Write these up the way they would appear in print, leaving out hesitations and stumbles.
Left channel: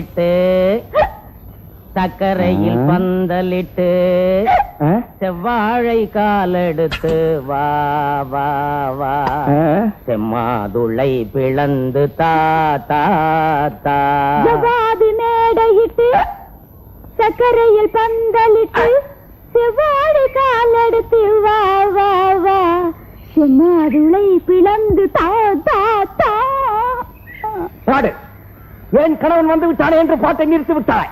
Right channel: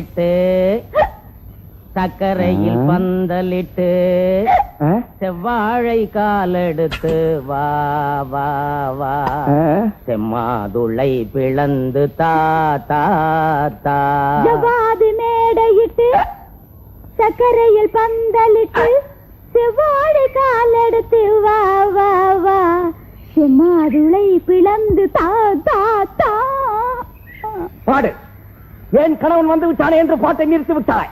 மேடையிட்டு சக்கரையில் பந்தலிட்டு செவ்வாழை காலெடுத்து வா வா வா செம்மாதுளை பிளந்து தா தா தா மேடையிட்டு சக்கரையில் பந்தலிட்டு செவ்வாழை காலெடுத்து வா வா வா செம்மாதுளை பிளந்து தா தா தா. பாடு. என் கணவன் வந்து விட்டானே என்று பாட்டை நிறுத்தி விட்டாய்.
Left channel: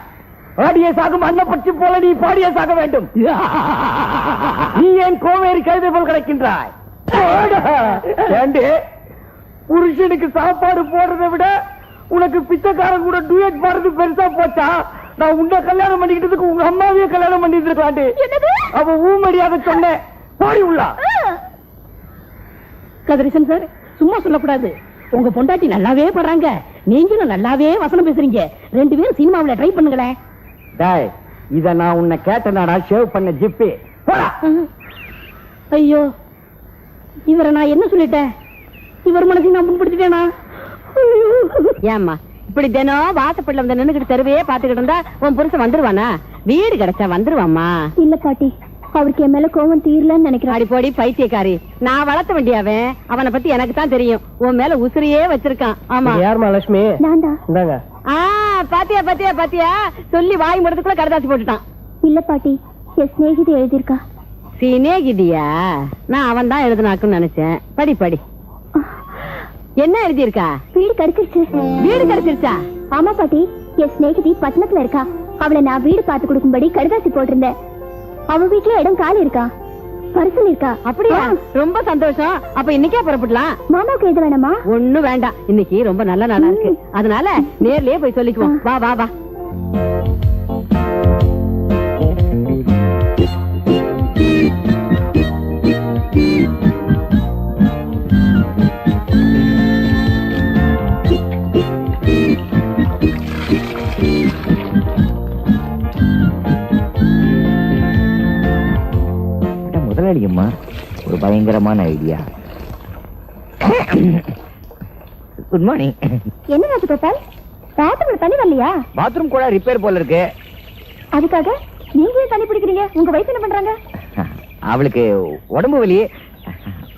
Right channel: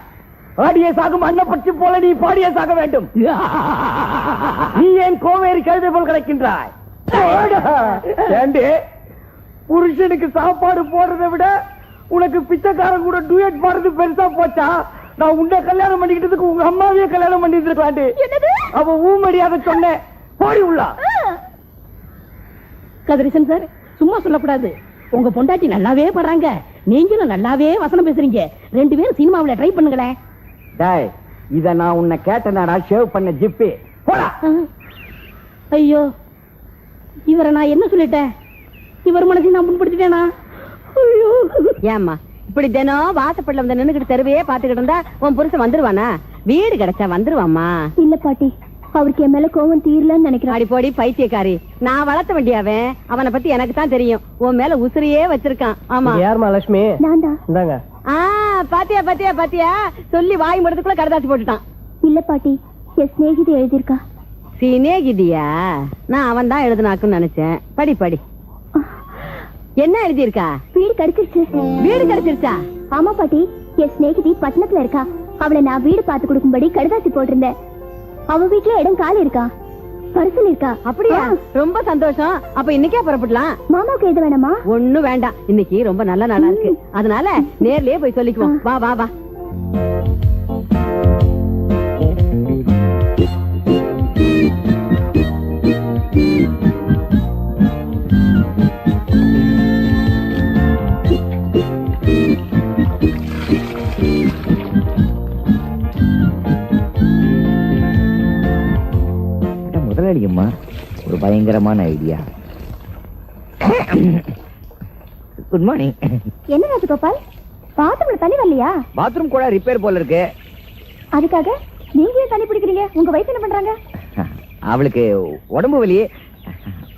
ஆடிய சாகும் அன்னப்பட்சி போல நீ பாடிய சாக வேண்டும். நீ ஏன் கோவேரி கழுதை போல் கிடக்கின்றாய்? புருஷனுக்கு சாப்பாடு போடுறதை விட உனக்கு பிச்சைக்காரன் கூட டூயட் பாடுறது பெருசா போச்சா? நான் உன்னை கல்யாணம் பண்ணிக்கிட்டதுக்கு உங்க அம்மாவையே கல்யாணம் பண்ணிட்டு இருக்காண்டு. அவ ஊமடியாக சொன்னேன். பாடி உள்ளா கதிரேசன் சார், சும்மா சொல்லக்கூடாது. உங்க பொண்டாட்டி நல்லாவே படுறாங்க, நீங்களும் நல்லாவே வசனம் பேசுறீங்க. 2 பேரும் சினிமாவுல ட்ரை பண்ணுங்களேன். இத நான் உன்னை கேட்டனாடா ஷேவ் பண்ண ஜிப்பி. ஐயோ, இவரை நான் என்ன சொல்லிட்டேன்? இவர் மனசை நான் புண்படுத்திட்டேனா? ஏம்மா இப்படி தினம் வாசப்படல வந்து நின்னுக்கிட்டு தெருவையே பாத்துக்கிட்டு இருந்தா உன் புருஷன் வந்துருவானா? வீடு கிடைச்சா வந்துருவாமா? இல்ல பாட்டி, அவருக்கு என் மேல கோவம் தீரலன்னு நினைக்கிறேன். அடி போடி பைத்தியக்காரி, நான் வளர்த்த வேண்டியவன். அவனை பத்தி எனக்கு தான் தெரியும். உன் மேல உசிரியே வச்சிருக்கான். ஆமா. யாருமா லட்சுமி? நான்தான். பாத்தியா பாத்தியா பாத்தியா, சொல்லி வாய் முடத்துக்குள்ள கரதாசி போட்டுட்டான். இல்ல பாட்டி, என் சிநேகிதி எழுதியிருக்கா. சிநேகிதியா? நான் அவன் தான் எழுதுனாக்குன்னு நினைச்சேன். படி படி. என்ன எழுதியிருக்கா? வீடு கிடைச்சிருச்சு. வீடு கிடைச்சிருச்சா? ஆமா பாட்டி, என் சிநேகிதி பட்டணத்துல இருக்கா. அவளை நான் வீடு பார்த்து கொடுக்கும்படி கடுதாசி போட்டிருந்தேன். அவ வீட்டுல இடம் காலி இருக்கா, பரிசல் இருக்கா. அப்படியா? ரொம்ப சந்தோஷம். அப்ப இன்னைக்கே புறப்படலாம். மாமாக்கு எழுத வேணாமா? ஒண்ணு வேண்டாம், இன்னைக்கு ரொம்ப நல்ல நாளா இருக்கு. அதனால நேர்லயே போய் சொல்லிக்குவோம். வா வா வா. முதலாளியம்மா, ஒரு பயங்கரமான ஐடியா. Good morning. என்ன ராஜகோபால், பாத்ரூம்ல தண்ணி வரலையா? பாத்ரூம் கூட ரிப்பேர் போல இருக்கு. அதுக்காக நீங்க ஏன் தண்ணி பிடிக்கிறீங்க? உங்க வயசு என்ன பண்றாங்க? அவளுக்கு உடம்பு வலி,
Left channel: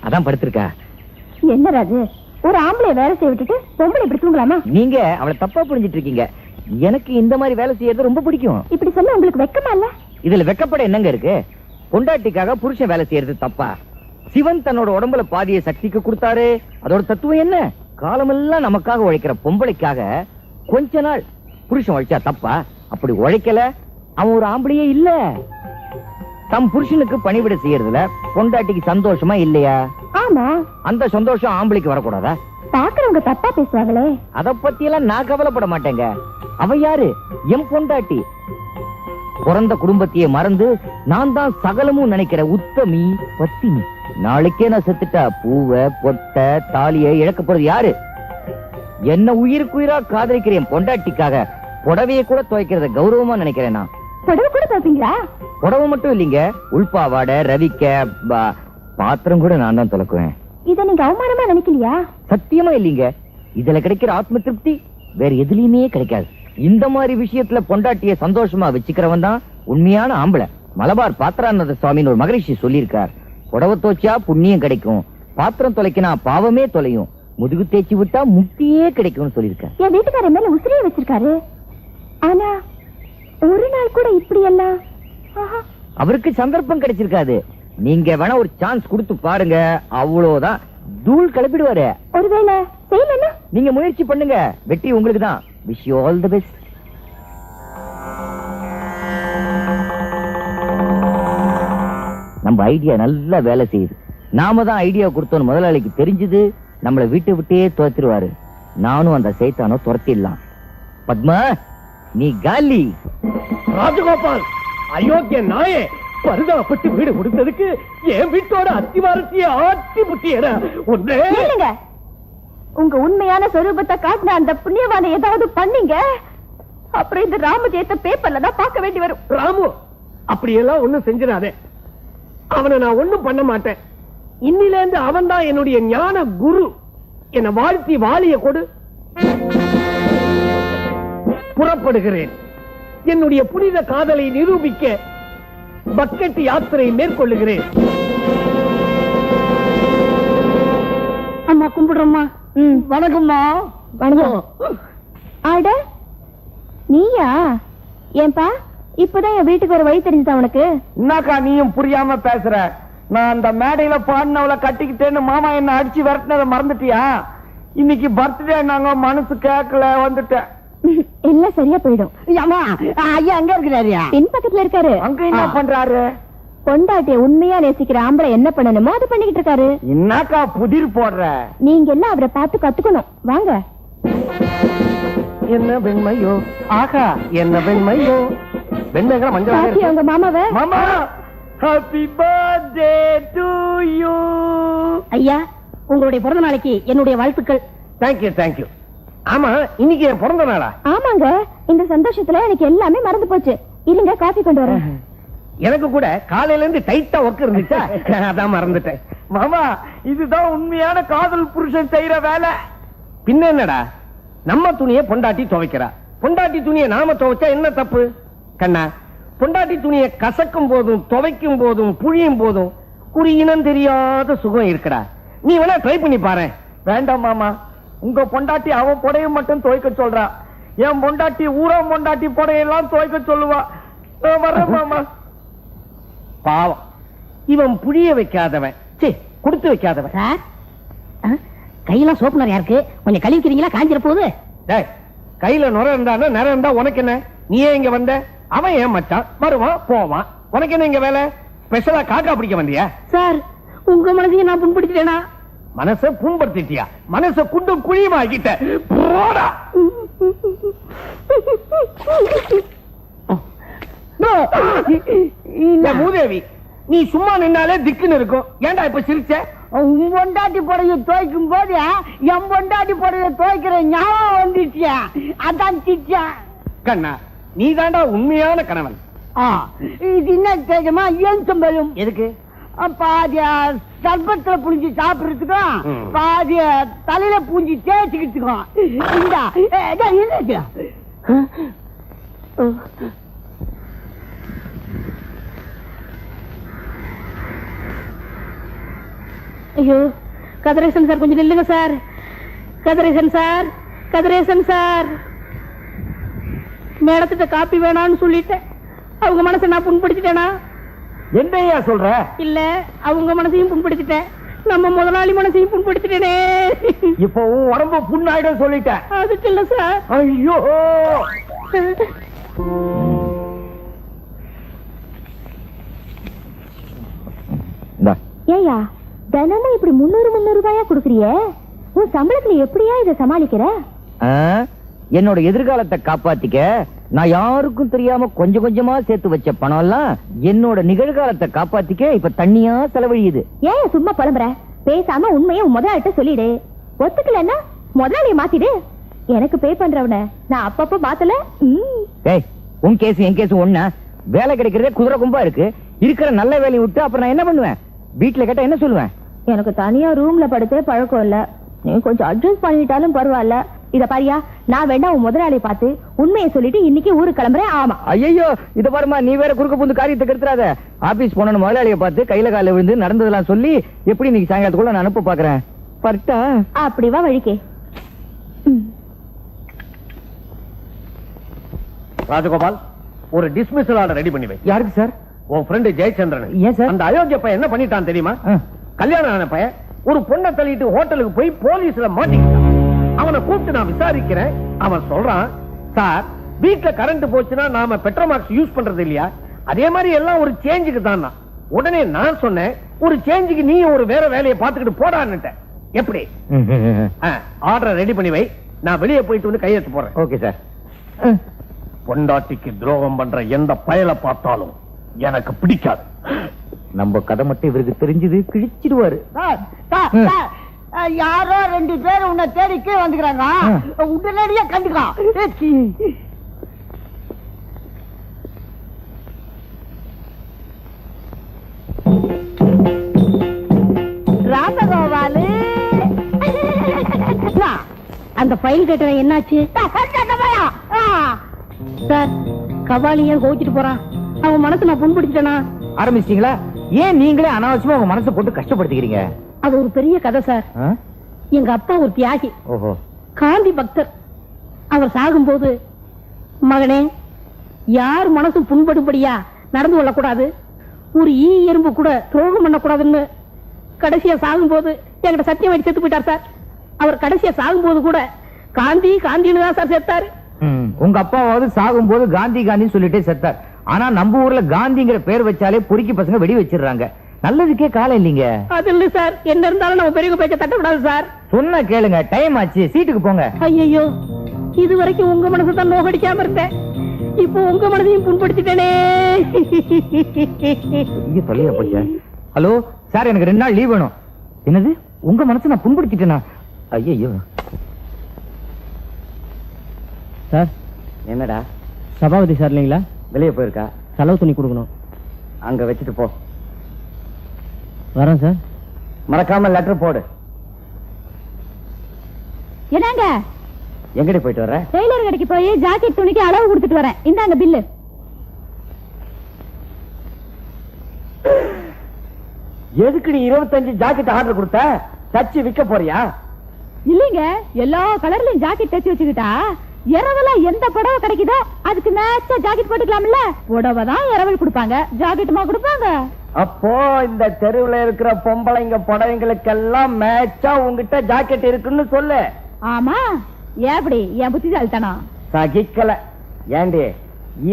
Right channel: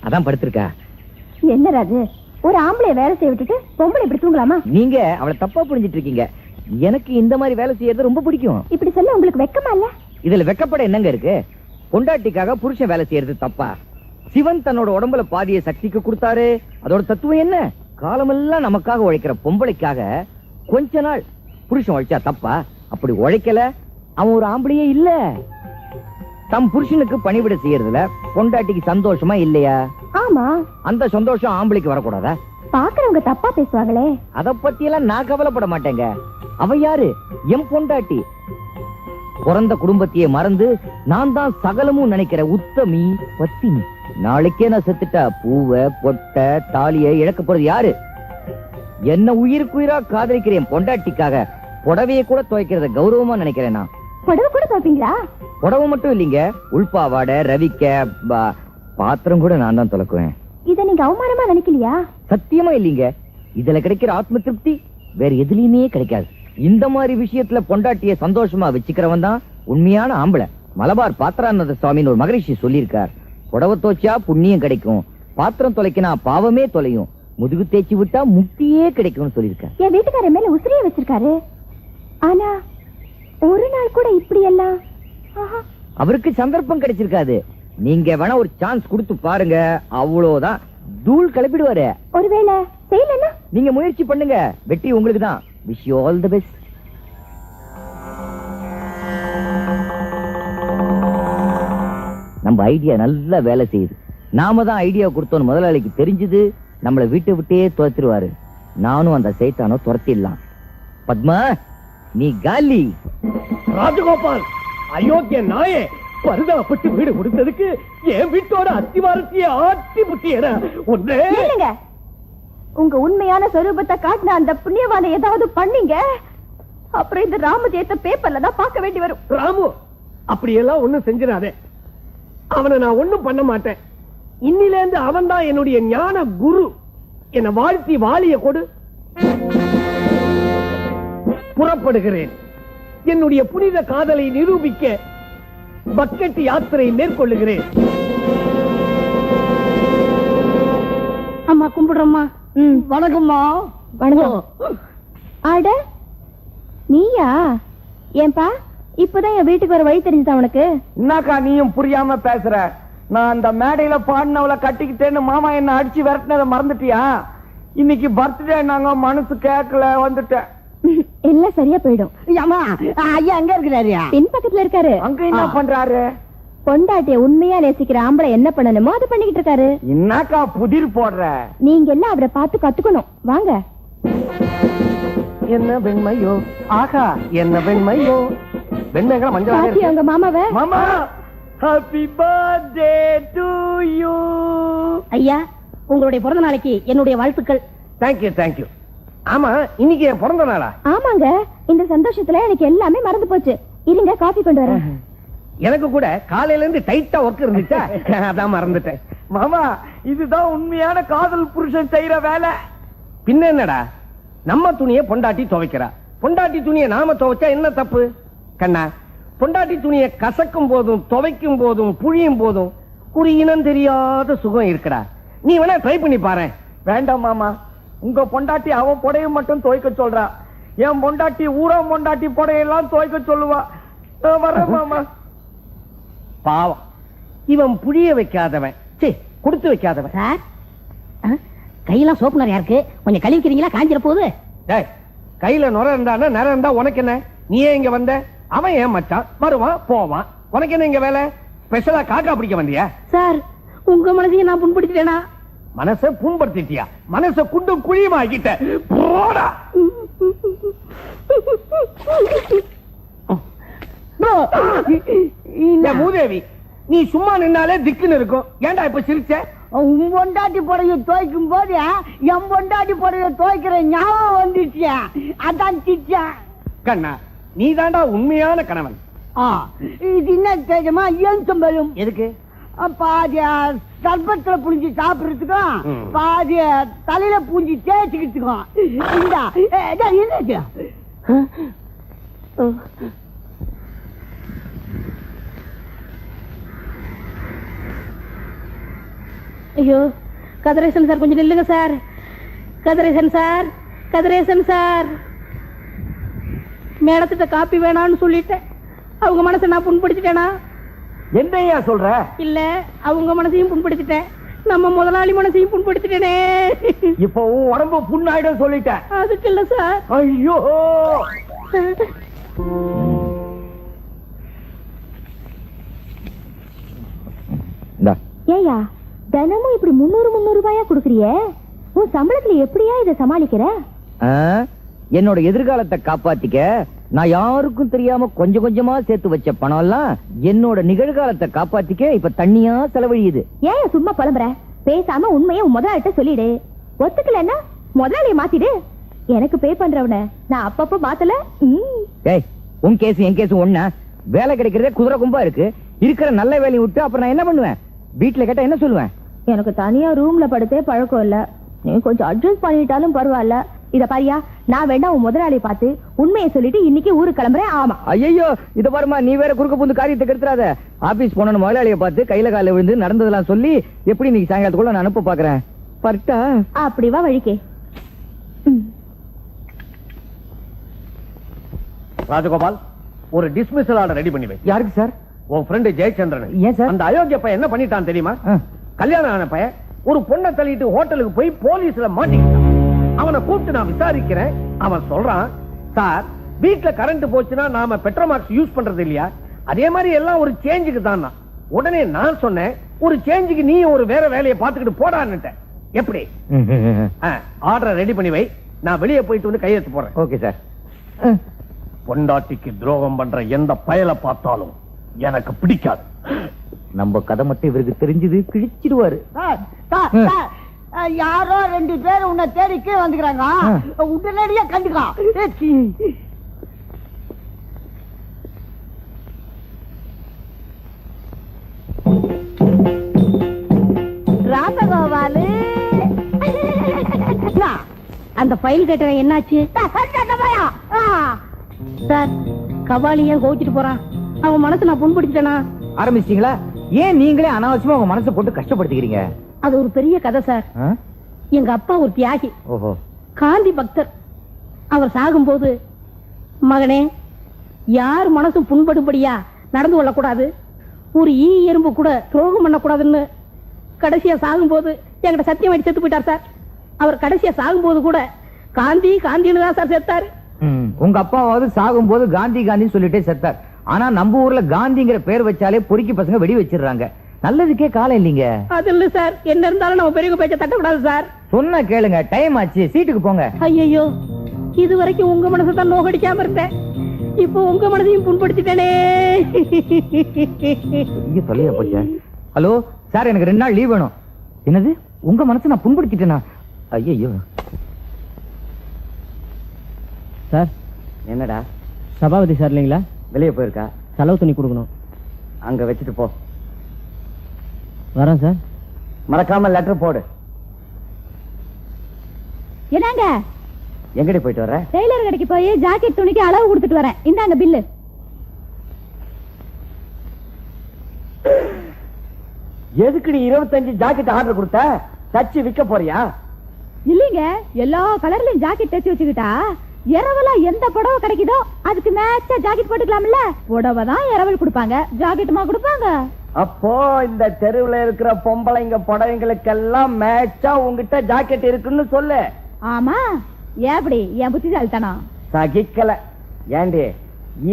அதான் படுத்திருக்கா. என்ன ராஜு, ஒரு ஆம்பளை வேலை செய்ய விட்டுட்டு பொம்பளை இப்படி தூங்கலாமா? நீங்க அவளை தப்பா புரிஞ்சிட்டு இருக்கீங்க. எனக்கு இந்த மாதிரி வேலை செய்யறது ரொம்ப பிடிக்கும். இப்படி சொன்னா உங்களுக்கு வெக்கமா இல்ல? இதுல வெக்கப்பட என்னங்க இருக்கு? பொண்டாட்டிக்காக புருஷன் வேலை செய்யறது தப்பா? சிவன் தன்னோட உடம்புல பாதிய சக்திக்கு கொடுத்தாரு. அதோட தத்துவம் என்ன? காலமெல்லாம் நமக்காக உழைக்கிற பொம்பளைக்காக கொஞ்ச நாள் புருஷன் உழைச்சா தப்பா? அப்படி உழைக்கல அவன் ஒரு ஆம்பளையே இல்ல. தம் புருஷனுக்கு பணிவிட செய்யறதுல பொண்டாட்டிக்கு சந்தோஷமா இல்லையா? ஆமா. அந்த சந்தோஷம் ஆம்பளைக்கு வரக்கூடாதா? பாக்குறவங்க தப்பா பேசுவாங்களே. அத பத்தி எல்லாம் நான் கவலைப்பட மாட்டேங்க. அவ யாரு? என் பொண்டாட்டி. பிறந்த குடும்பத்தையே மறந்து நான் தான் சகலமும் நினைக்கிற உத்தமி பத்தினி. நாளைக்கே நான் செத்துட்டா பூவை பொட்ட தாலியை இழக்க போறது யாரு? என்ன உயிருக்குயிரா காதலிக்கிற என் பொண்டாட்டிக்காக புடவையை கூட துவைக்கிறத கௌரவமா நினைக்கிறேன். நான் புடவை கூட துவைப்பீங்களா? புடவை மட்டும் இல்லீங்க, உள்பாவாடை ரவிக்க பாத்திரம் கூட நான் தான் துலக்குவேன். இத நீங்க அவமானமா நினைக்கலையா? சத்தியமா இல்லீங்க. இதுல கிடைக்கிற ஆத்ம திருப்தி வேற எதுலயுமே கிடைக்காது. இந்த மாதிரி விஷயத்துல பொண்டாட்டிய சந்தோஷமா வச்சுக்கிறவன் தான் உண்மையான ஆம்பளை. மலபார் பாத்திரானந்த சுவாமின்னு ஒரு மகரிஷி சொல்லியிருக்கார். புடவை தோச்சா புண்ணியம் கிடைக்கும், பாத்திரம் தொலைக்கினா பாவமே தொலையும், முதுகு தேய்ச்சி விட்டா முக்தியே கிடைக்கும்னு சொல்லியிருக்கார். என் வீட்டுக்காரர் மேல உசிரியை வச்சிருக்காரு. ஆனா ஒரு நாள் கூட இப்படி எல்லாம் அவருக்கு சந்தர்ப்பம் கிடைச்சிருக்காது. நீங்க வேணா ஒரு சான்ஸ் கொடுத்து பாருங்க, அவ்வளவுதான் தூள் கிளப்பிடுவாரு. ஒருவேளை செய்யலன்னா நீங்க முயற்சி பண்ணுங்க, வெற்றி உங்களுக்கு தான். Wish you all the best. நம்ம ஐடியா நல்லா வேலை செய்யுது. நாம தான் ஐடியா கொடுத்தோம் முதலாளிக்கு தெரிஞ்சது, நம்மள வீட்டை விட்டே துரத்திடுவாரு. நானும் அந்த சைத்தானோ துரத்திடலாம். பத்மா நீ காலி. ராஜகோபால், அயோக்கிய நாயே, பரிதாபப்பட்டு வீடு கொடுத்ததுக்கு என் வீட்டோட அத்திவாரத்தையே ஆட்டி புட்டியற ஒன்றே. உங்க உண்மையான சொரூபத்தை காட்டின அந்த புண்ணியவானை ஏதாவது பண்ணீங்க, அப்புறம் இந்த ராமஜெயத்தை பேப்பர்ல தான் பார்க்க வேண்டி வரும். ராமு அப்படியெல்லாம் ஒண்ணும் செஞ்சிடாதே. அவனை நான் ஒண்ணும் பண்ண மாட்டேன். இன்னில இருந்து அவன் தான் என்னுடைய ஞான குரு. என்ன வாழ்த்தி வாலிய கொடு. புறப்படுகிறேன். என்னுடைய புனித காதலை நிரூபிக்க பக்கெட் யாத்திரை மேற்கொள்ளுகிறேன். அம்மா கும்பிடுறோம்மா. வணக்கம்மா. வணக்கம். ஆட நீயா? ஏன்பா இப்பதான் என் வீட்டுக்கு வர வழி தெரிஞ்சுதா உனக்கு? என்னக்கா நீயும் புரியாம பேசுற? நான் அந்த மேடையில பாடினவளை கட்டிக்கிட்டேன்னு மாமா என்ன அடிச்சு விரட்டினதை மறந்துட்டியா? இன்னைக்கு பர்த்டே, நாங்க மனசு கேட்கல வந்துட்டேன். எல்லாம் சரியா போயிடும். ஐயா அங்க இருக்கிறாரு. பின் பக்கத்துல இருக்காரு. அங்க என்ன பண்றாரு? பொண்டாட்டிய உண்மையா நேசிக்கிற ஆம்பளை என்ன பண்ணணுமோ அதை பண்ணிக்கிட்டு இருக்காரு. என்னக்கா புதிர் போடுற? நீங்க எல்லாம் அவரை பார்த்து கத்துக்கணும். வாங்க. என்ன வெண்மையோ, ஆகா என்ன வெண்மையோ. வெண்மைகளை மஞ்சள் பாத்தி உங்க மாமாவை. மாமா, ஹாப்பி பர்த்டே டு யூ. ஐயா உங்களுடைய பிறந்த நாளைக்கு என்னுடைய வாழ்த்துக்கள். Thank you thank you. ஆமா, இன்னைக்கு என் பிறந்த நாளா? ஆமாங்க, இந்த சந்தோஷத்துல எனக்கு எல்லாமே மறந்து போச்சு. இருங்க காஃபி கொண்டு வரேன். எனக்கு கூட காலையில இருந்து டைட்டா ஒர்க் இருந்துச்சா, அதான் மறந்துட்டேன். மாமா, இதுதான் உண்மையான காதல் புருஷன் செய்யற வேலை. பின்ன என்னடா, நம்ம துணியை பொண்டாட்டி துவைக்கிறா, பொண்டாட்டி துணியை நாம துவைச்சா என்ன தப்பு? கண்ணா, பொண்டாட்டி துணியை கசக்கும் போதும் துவைக்கும் போதும் புழியும் போதும் ஒரு இனம் தெரியாத சுகம் இருக்குடா. நீ வேணா ட்ரை பண்ணி பாரு. வேண்டாம் மாமா, உங்க பொண்டாட்டி அவன் புடைய மட்டும் துவைக்க சொல்றா. என் பொண்டாட்டி ஊரா பொண்டாட்டி புடையெல்லாம் துவைக்க சொல்லுவா. வர மாமா. பாவம், இவன் புழிய வைக்காதவன், கொடுத்து வைக்காதவன். சார் கையெல்லாம் சோப்பு நிறையா இருக்கு, கொஞ்சம் கழுவிக்கிறீங்களா? காஞ்சிர போகுது. கையில நுர இருந்தா நிறம் இருந்தா உனக்கு என்ன? நீ ஏன் இங்க வந்த? அவன் ஏன் மச்சான், வருவான் போவான். உனக்கு என்ன இங்க வேலை? ஸ்பெஷலா காக்கா பிடிக்க வந்தியா? சார் உங்க மனசையும் நான் புண்படுத்திட்டேனா? மனசை புண்படுத்திட்டியா? மனசை குண்டு குழியுமா ஆக்கிட்ட. போடா. மூதேவி, நீ சும்மா நின்னாலே திக்குன்னு இருக்கும். ஏன்டா இப்ப சிரிச்ச? உன் பொண்டாட்டி புடைய துவைக்கும் போது என் பொண்டாட்டி புடைய துவைக்கிற ஞாபகம் வந்துச்சியா, அதான் சிரிச்சா. கண்ணா, நீ தாண்டா உண்மையான கணவன். இது என்ன தெரியுமா? ஏன் சம்பளம் எதுக்கு? பாதிய சர்பத்துல புளிஞ்சு சாப்பிடுறதுக்கும் பாதிய தலையில பூஞ்சி தேய்ச்சிக்கிட்டுக்கும். ஐயோ கதிரேசன் சார், கொஞ்சம் நில்லுங்க sir. Kathiresan sir, Kathiresan sir, மேடத்திட்ட காப்பி வேணான்னு சொல்லிட்டேன். அவங்க மனசை நான் புண்படுத்திட்டேனா? என்னையா சொல்ற? இல்ல, அவங்க மனசையும் புண்படுத்திட்டேன், நம்ம முதலாளி மனசையும் புண்படுத்திட்டேனே. இப்ப உன் உடம்பு புண்ணாயிடும் சொல்லிட்டேன். அதுக்கு இல்ல சார். ஐயோ, ஏயா தினமும் இப்படி 300 ரூபாயா குடுக்கறிய? உன் சம்பளத்துல எப்படியா இதை சமாளிக்கிற? என்னோட எதிர்காலத்தை காப்பாத்திக்க நான் யாருக்கும் தெரியாம கொஞ்சம் கொஞ்சமா சேர்த்து வச்ச பணம் எல்லாம் என்னோட நிகழ்காலத்தை காப்பாத்திக்க இப்ப தண்ணியா செலவழியுது. ஏன் சும்மா புலம்புற? பேசாம உண்மையை முதலாளிட்ட சொல்லிடு. ஒத்துக்கலன்னா முதலாளிய மாத்திடு. எனக்கு பே பண்றவன நான் அப்பப்ப மாத்தல. ஏய், உன் கேஸ் என் கேஸ் ஒண்ணா? வேலை கிடைக்கிறதே குதிரை கும்பா இருக்கு. இருக்கிற நல்ல வேலையை விட்டு அப்புறம் நான் என்ன பண்ணுவேன்? வீட்டுல கேட்டா என்ன சொல்லுவேன்? எனக்கு தனியா ரூம்ல படுத்தே பழக்கம் இல்ல. நீ கொஞ்சம் அட்ஜஸ்ட் பண்ணிட்டாலும் பரவாயில்ல. இத பாரியா, நான் வேணா உன் முதலாளியை பார்த்து உண்மையை சொல்லிட்டு இன்னைக்கு ஊருக்கு கிளம்புறேன். ஆமா. ஐயோ, இத பாருமா, நீ வேற குறுக்க புந்து காரியத்தை கெடுத்துறாத. ஆபீஸ் போன முதலாளியை பார்த்து கையில கால விழுந்து நடந்ததெல்லாம் சொல்லி எப்படி இன்னைக்கு சாயங்காலத்துக்குள்ள நான் அனுப்ப பாக்குறேன். பட்டா அப்படி வா வழிக்கே. ராஜகோபால், ஒரு டிஸ்மிஸல் ஆர்டர் ரெடி பண்ணி வை. யாருக்கு சார்? உன் ஃப்ரெண்ட் ஜெயச்சந்திரன். ஏன் சார்? அந்த அயோக்கிய பையன் என்ன பண்ணிட்டான் தெரியுமா? கல்யாணம் ஆன பையன் ஒரு பொண்ணை தள்ளிட்டு ஹோட்டலுக்கு போய் போலீஸ்ல மாட்டிக்கிட்டான். அவனை கூப்பிட்டு நான் விசாரிக்கிறேன். அவன் சொல்றான், சார் வீட்டுல கரண்ட் போச்சுன்னா நாம பெட்ரோமாக்ஸ் யூஸ் பண்றது இல்லையா, அதே மாதிரி எல்லாம் ஒரு சேஞ்சுக்கு தான். உடனே நான் சொன்னேன், ஒரு சேஞ்சுக்கு நீ ஒரு வேற வேலையை பார்த்துக்கிட்டு போடான்னுட்டேன். எப்படி? ஆர்டர் ரெடி பண்ணி வை, நான் வெளியே போயிட்டு வந்து கையெழுத்து போறேன். Okay sir. பொண்டாட்டிக்கு துரோகம் பண்ற எந்த பயலை பார்த்தாலும் எனக்கு பிடிக்காது. நம்ம கதை மட்டும் இவருக்கு தெரிஞ்சது கிழிச்சிடுவாரு. யாரோ 2 பேர் உன்னை தேடி கீழே வந்துக்கிறாங்க, உடனடியா கண்டுக்கான். ராசகோபாலு, அந்த ஃபைல் கேட்ட என்னாச்சு? சார் கபாலி ஏன் கோவிச்சிட்டு போறான்? அவன் மனசு நான் புண்படுத்திட்டேனா? ஆரம்பிச்சிட்டீங்களா? ஏன் நீங்களே அனாவசியமா உங்க மனசை போட்டு கஷ்டப்படுத்திக்கிறீங்க? அது ஒரு பெரிய கதை சார். ஆ? எங்க அப்பா ஒரு தியாகி, ஓஹோ. காந்தி பக்தர். அவர் சாகும்போது, மகனே யார் மனசும் புண்படும்படியா நடந்து கொள்ளக்கூடாது, ஒரு எறும்பு கூட துரோகம் பண்ணக்கூடாதுன்னு கடைசியா சாகும்போது என்கிட்ட சத்தியம் வச்சு செத்து போயிட்டார் சார். அவர் கடைசியா சாகும்போது கூட காந்தி காந்தின்னு தான் சார் செத்தாரு. உங்க அப்பாவாவது சாகும்போது காந்தி காந்தின்னு சொல்லிட்டே செத்தார். ஆனா நம்ம ஊர்ல காந்திங்கிற பேர் வச்சாலே பொறுக்கி பசங்க வெடி வச்சிடுறாங்க. நல்லதுக்கே காலம் இல்லீங்க. அது இல்ல சார், என்ன இருந்தாலும் நம்ம பெரிய பேச்ச தட்டக்கூடாது சார். சொன்னா கேளுங்க, டைம் ஆச்சு, சீட்டுக்கு போங்க. ஐயோ, இது வரைக்கும் உங்க மனசு தான் நோகடிக்காம இருந்தேன், இப்போ உங்க மனதையும் புண்படுத்திட்டேனே. தொலையா போச்ச. ஹலோ சார், எனக்கு 2 நாள் லீவ் வேணும். என்னது, உங்க மனசை நான் புண்படுத்திட்டேனா? ஐயோ சார். என்னடா? சபாபதி சார் இல்லைங்களா? வெளியே போயிருக்கா. செலவு துணி கொடுக்கணும். அங்க வச்சுட்டு போ. வரேன் சார். மறக்காம லெட்டர் போடு. என்னங்க? எங்கடி போயிட்டு வர? டெய்லர் கடைக்கு போய் ஜாக்கெட் துணிக்கு அளவு கொடுத்துட்டு வரேன். இந்தாங்க பில்லு. எதுக்கு நீ 25 ஜாக்கெட் ஆர்டர் கொடுத்த? தச்சு விற்க போறியா? இல்லைங்க, எல்லா கலர்லயும் ஜாக்கெட் தச்சு வச்சுக்கிட்டா இரவல எந்த புடவை கிடைக்குதோ அதுக்கு மேட்சா ஜாக்கெட் போட்டுக்கலாம்ல. புடவை தான் இரவல் கொடுப்பாங்க, ஜாக்கெட்டுமா கொடுப்பாங்க? அப்போ இந்த தெருவுல இருக்கிற பொம்பளைங்க புடவைங்களுக்கெல்லாம் மேட்சா உங்ககிட்ட ஜாக்கெட் இருக்குன்னு சொல்லு. ஆமா, எப்படி என் புத்திசாலித்தனம்? சகிக்கல. ஏண்டி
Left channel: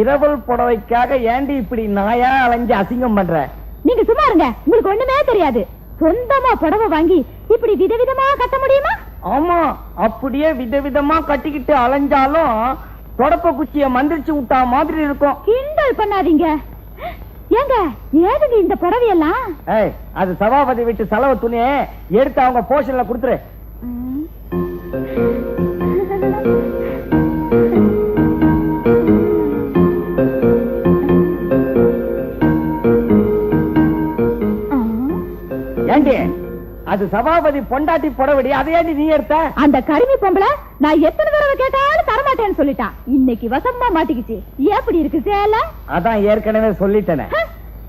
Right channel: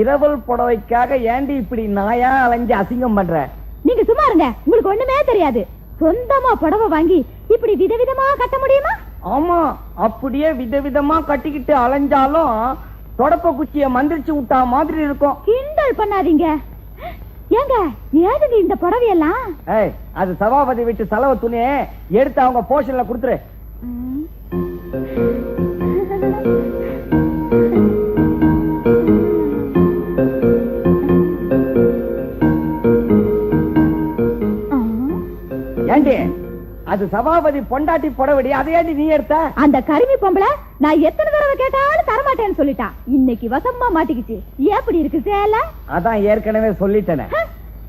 இரவல் புடவைக்காக ஏண்டி இப்படி நாயா அலைஞ்சு அசிங்கம் பண்ற? நீங்க சும்மா இருங்க, உங்களுக்கு ஒண்ணுமே தெரியாது. சொந்தமா புடவை வாங்கி இப்படி விதவிதமா கட்ட முடியுமா? ஆமா, அப்படியே விதவிதமா கட்டிக்கிட்டு அலைஞ்சாலும் தொடப்ப குச்சிய மந்திரிச்சு விட்டா மாதிரி இருக்கும். கிண்டல் பண்ணாதீங்க. ஏங்க, ஏதுங்க இந்த புடவையெல்லாம்? ஏய், அது சபாபதி வீட்டு செலவு துணி, எடுத்து அவங்க போஷன்ல கொடுத்துரு. ஏண்டி, அது சபாபதி பொண்டாட்டி புடவடி, அதையாண்டி நீ எடுத்த? அந்த கருமி பொம்பளை நான் எத்தனை தடவை கேட்டாலும் தரமாட்டேன்னு சொல்லிட்டான். இன்னைக்கு வசமா மாட்டிக்கிச்சு. எப்படி இருக்கு சேலை? அதான் ஏற்கனவே சொல்லிட்டேனே.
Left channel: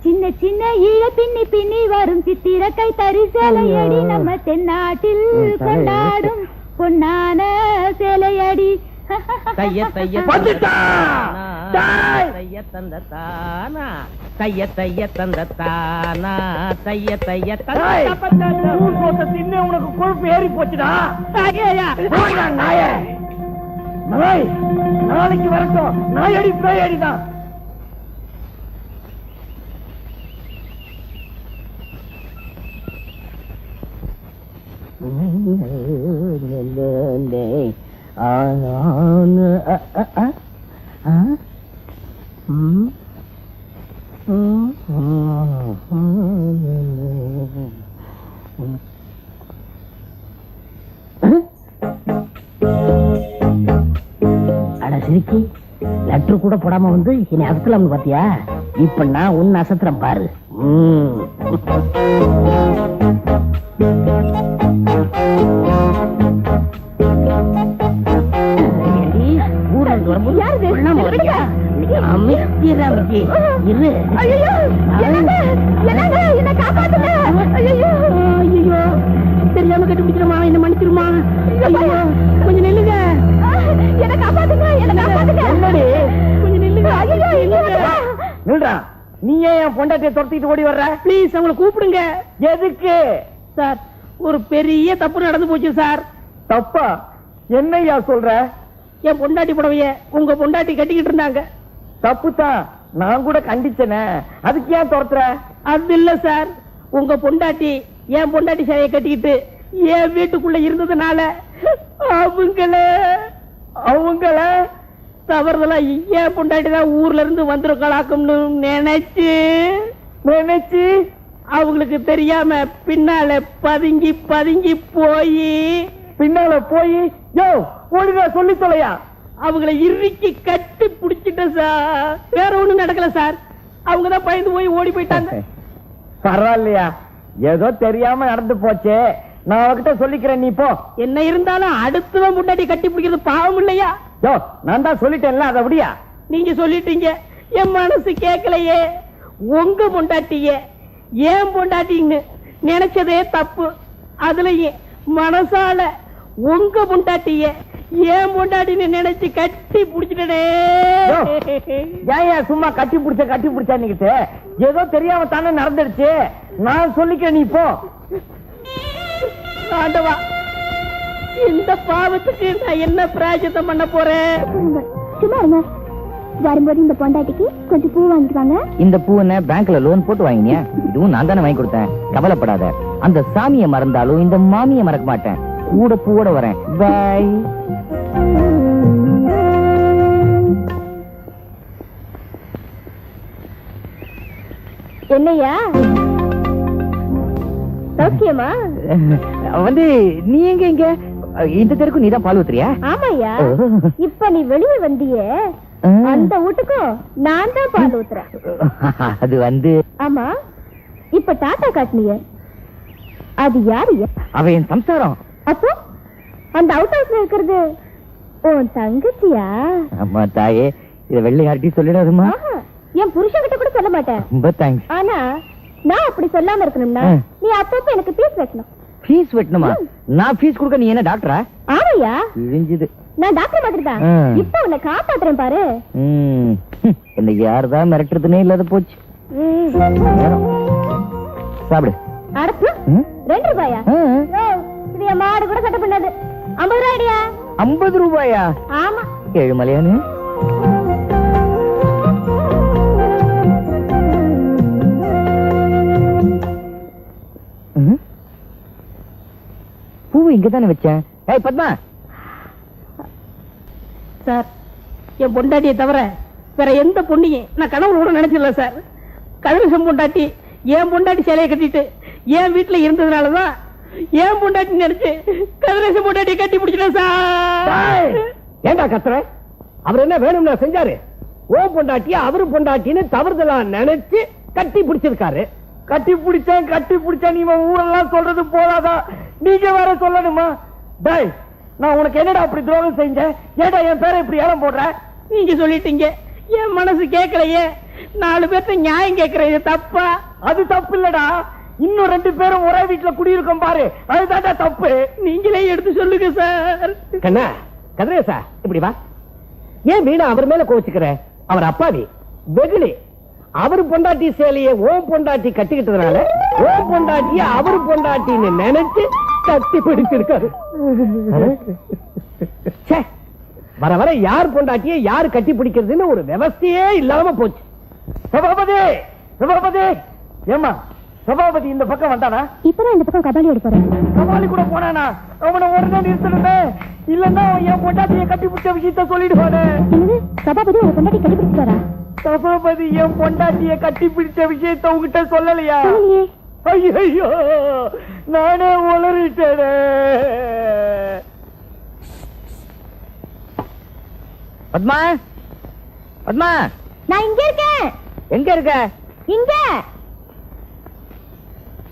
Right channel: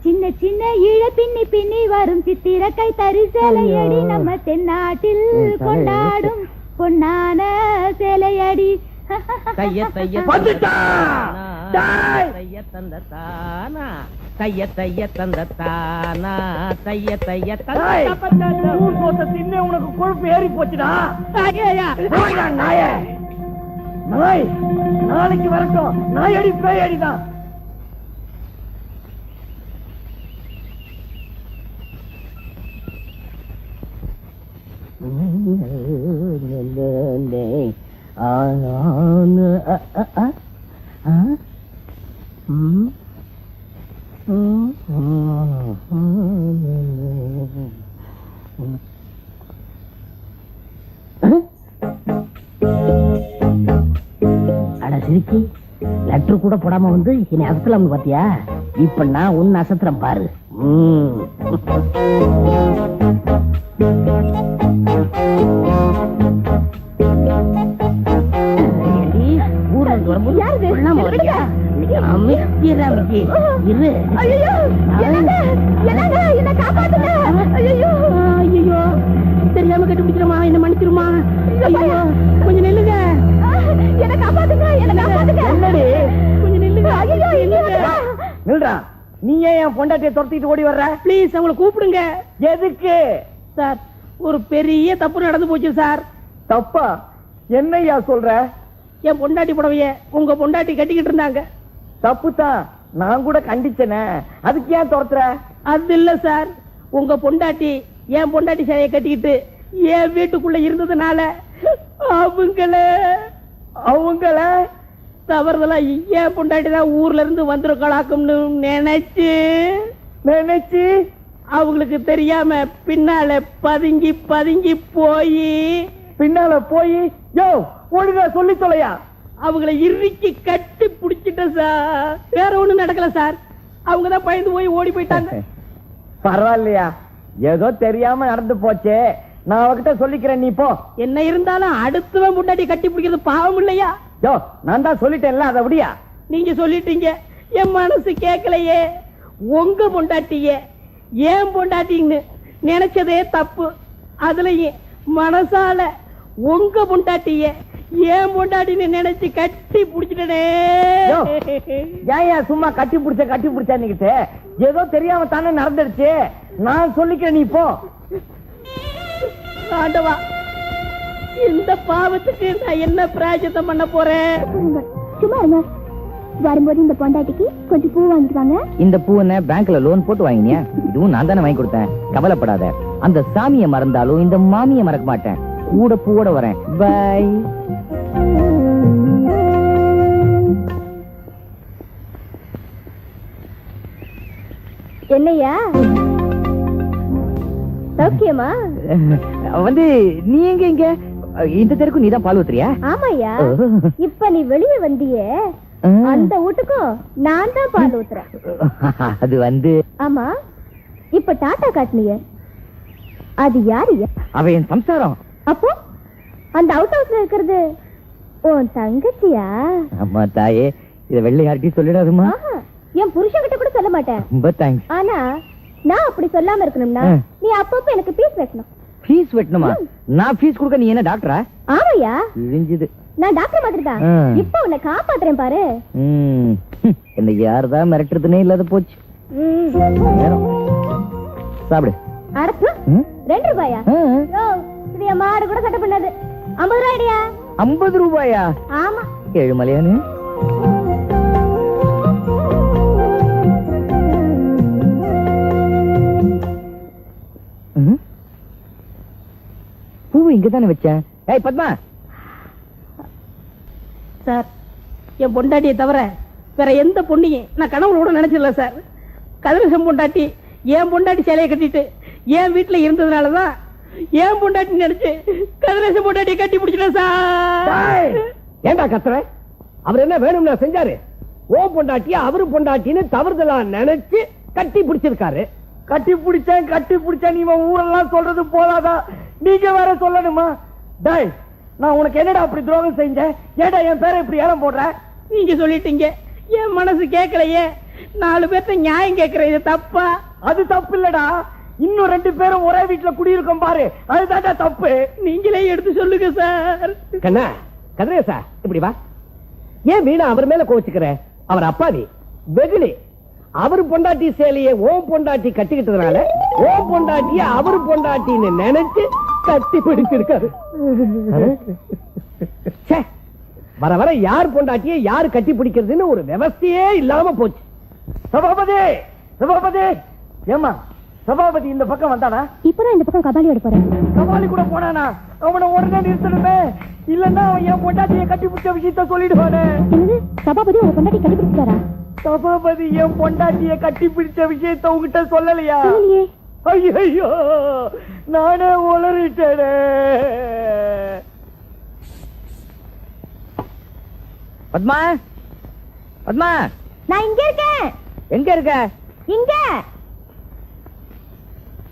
சின்ன சின்ன ஈழ பின்னி பின்னி வரும் சித்திரக்கை தறி சேலையடி, நம்ம தென்னாட்டில் கொண்டாடும் பொன்னான சேலையடி. தைய தைய வந்துட்டா. தைய தந்த தானா, தைய தைய தந்த தானா, தைய தைய தின்னு உனக்கு கொழுப்பு ஏறி போச்சுடா. போடா, நாயே. நாய் நாளைக்கு வரட்டும். நாயடி பேயடிதான். அட சிரிக்கி, லெட்டர் கூட போடாம வந்து என்னை அசத்தலாம் பாத்தியா? இப்ப நான் உன்னை அசத்துறேன் பாரு. ஊர்ல இருந்து வரும்போது தெரியாம கட்டுப்பிடிச்சிருமா, என்ன மன்னிச்சிருமா. கொஞ்சம் நில்லுங்க, கொஞ்சம் நில்லுங்க. நில்றா. நீ ஏன் என் பொண்டாட்டியை துரத்திட்டு ஓடி வர்ற? பிளீஸ் அவங்களை கூப்பிடுங்க. எதுக்கு? சார், ஒரு பெரிய தப்பு நடந்து போச்சு சார். தப்பா? என்னையா சொல்ற? என் பொண்டாட்டி புடவைய உங்க பொண்டாட்டி கட்டிக்கிட்டு இருந்தாங்க. தப்புதான், நான் கூட கண்டிச்சனே. அதுக்கு ஏன் துரத்துற? அது இல்ல சார், உங்க பொண்டாட்டி என் பொண்டாட்டி சேலையை கட்டிக்கிட்டு என் வீட்டுக்குள்ள இருந்ததுனால அவங்கள தவறுதலா என் பொண்டாட்டி தான் ஊர்ல இருந்து வந்திருக்கலாக்கும்னு நினைச்சு அவங்களுக்கு தெரியாம பின்னால பதுங்கி பதுங்கி பின்னால போய் ஒழுங்கா சொல்லி தொலையா. அவங்களை இறுக்கி கட்டி பிடிச்சிட்டேன் சார். வேற ஒண்ணும் நடக்கல சார், அவங்கதான் பயந்து போய் ஓடி போயிட்டாங்க. பரவாயில்லையா, ஏதோ தெரியாம நடந்து போச்சே. நான் அவகிட்ட சொல்லிக்கிறேன், நீ போ. என்ன இருந்தாலும் அடுத்தவன் முன்னாடி கட்டி பிடிக்கிறது பாவம் இல்லையா? நான் தான் சொல்லிட்டேன்ல, அதை விடியா. நீங்க சொல்லிட்டீங்க, என் மனசு கேட்கலையே. உங்க பொண்டாட்டிய ஏன் பொண்டாட்டின்னு நினைச்சதே தப்பு. அதுலயும் மனசால உங்க பொண்டாட்டிய ஏன் பொண்டாட்டின்னு நினைச்சு கட்டி புடிச்சிட்டே. சும்மா கட்டி புடிச்சா ஏதோ தெரியாம தானே நடந்துருச்சு. நான் சொல்லிக்க, நீ போ. ஆண்டவா, இந்த பாவத்துக்கு நான் என்ன பிராயச்சித்தம் பண்ண போறேன்? சும்மா இருங்க. வரும்போது இந்த பொண்டாட்டிக்கு கொஞ்சம் பூ வாங்கிட்டாங்க. இந்த பூவை பேங்க்ல லோன் போட்டு வாங்கினியா? இதுவும் நான் தானே வாங்கி கொடுத்தேன். கவலைப்படாத. அந்த சாமியை மறந்தாலும் இந்த மாமியை மறக்க மாட்டேன். கூட பூவோட வரேன். பை. என்னையா சௌக்கியமா? வந்து நீ எங்க இங்க இந்த தெருக்கு நீதான் பால் ஊத்துறியா? ஆமாய்யா. இப்ப நீ வெளியே வந்தியே, அந்த வீட்டுக்கும் நான் தான் பால் ஊத்துறேன். அது வந்து ஆமா, இப்ப டாட்டா காட்டினிய அது யாரு? அவ என் சம்சாரம். அப்போ அந்த அவுட் ஹவுஸ்ல இருக்கிறது உன் தங்கச்சியா? அம்மா தாயே, இத வெள்ளை யார்கிட்டயும் சொல்லிடாதுமா. என் புருஷன் கிட்ட கூட சொல்ல மாட்டேன். ரொம்ப தேங்க்ஸ். ஆனா நான் அப்படி சொல்லாம இருக்கணும்னா நீ அப்பப்ப எனக்கு ஃபீஸ் வெட்டணும். ஃபீஸ் வெட்டணுமா? நான் ஃபீஸ் கொடுக்க நீ என்ன டாக்டரா? ஆமையா, இழிஞ்சுது. நான் டாக்டர் மாதிரி தான். இப்ப உன்னை காப்பாத்துறேன் பாரு. என்ன யார்தான் மிரட்டுறதுனே இல்லாத போச்சு. சாப்பிடு. அடப்பு 2 ரூபாயா? இது என் மாடு கூட சட்டை பண்ணாது. 50 ரூபாயா? 50 ரூபாயா? ஆமா. ஏழுமலையானு பூவை இங்கதானே வச்சேன். ஏய் பத்மா. சார், என் பொண்டாட்டியை தவிர வேற எந்த பொண்ணையும் நான் கனவுல நினைச்சிடல சார். கதிரசம் பொண்டாட்டி என் பொண்டாட்டி சேலையை கட்டிட்டு என் வீட்டுல இருந்ததுனாலதான் என் பொண்டாட்டி நினைச்சு கதிரசம் பொண்டாட்டியை கட்டி பிடிச்சிட்டேன் சார். ஏண்டா கத்துற? அவர் என்ன வேணும்னா செஞ்சாரு? ஓ பொண்டாட்டி அவரு பொண்டாட்டின்னு தவறுதலா நினைச்சு கட்டி பிடிச்சிருக்காரு. கட்டி பிடிச்சேன் நீ ஊரெல்லாம் சொல்றது போதாதா? நீங்க வேற சொல்லணுமா? டேய், நான் உனக்கு என்னடா அப்படி துரோகம் செஞ்சேன்? ஏடா என் பேரை இப்படி ஏலம் போடுற? நீங்க சொல்லிட்டீங்க, என் மனசு கேட்கலையே. 4 பேர்த்த நியாயம் கேட்கறது தப்பா? அது தப்பு இல்லடா. இன்னும் 2 பேரும் ஒரே வீட்டுல குடியிருக்கோம் பாரு, அதுதான் தப்பு. நீங்களே எடுத்து சொல்லுங்க சார். கண்ணா, கதிரேசா, இப்படி வா. ஏன் வீணா அவர் மேல கோச்சுக்கிற? அவர் அப்பாவி, வெகுளி. அவரு பொண்டாட்டி சேலையை ஓ பொண்டாட்டி கட்டிக்கிட்டதுனால ஓ பொண்டாட்டிய அவரு பொண்டாட்டின்னு நினைச்சு கட்டி பிடிச்சிருக்காரு. வர வர யார் பொண்டாட்டிய யாரு கட்டி பிடிக்கிறதுன்னு ஒரு விவசாயே இல்லாம போச்சு. சபாபதி, ஏமா சபாபதி இந்த பக்கம் வந்தானா? இப்பதான் இந்த பக்கம் கபாலி எடுப்பாரு. கபாலி கூட போனானா? அவனை உடனே நிறுத்தணுமே, இல்லன்னா என் பொண்டாட்டியை கட்டி பிடிச்ச விஷயத்த சொல்லிடுவானே. சபாபதி உங்க பொண்டாட்டி கட்டி பிடிச்சாரா? சபாபதி என் பொண்டாட்டியை கட்டி பிடிச்ச விஷயத்த உங்ககிட்ட சொல்லலையா? ஐயோ, நானே உளறிட்டேனே. பத்மா, பத்மா, நான் இங்க இருக்கேன். எங்க இருக்க? இங்க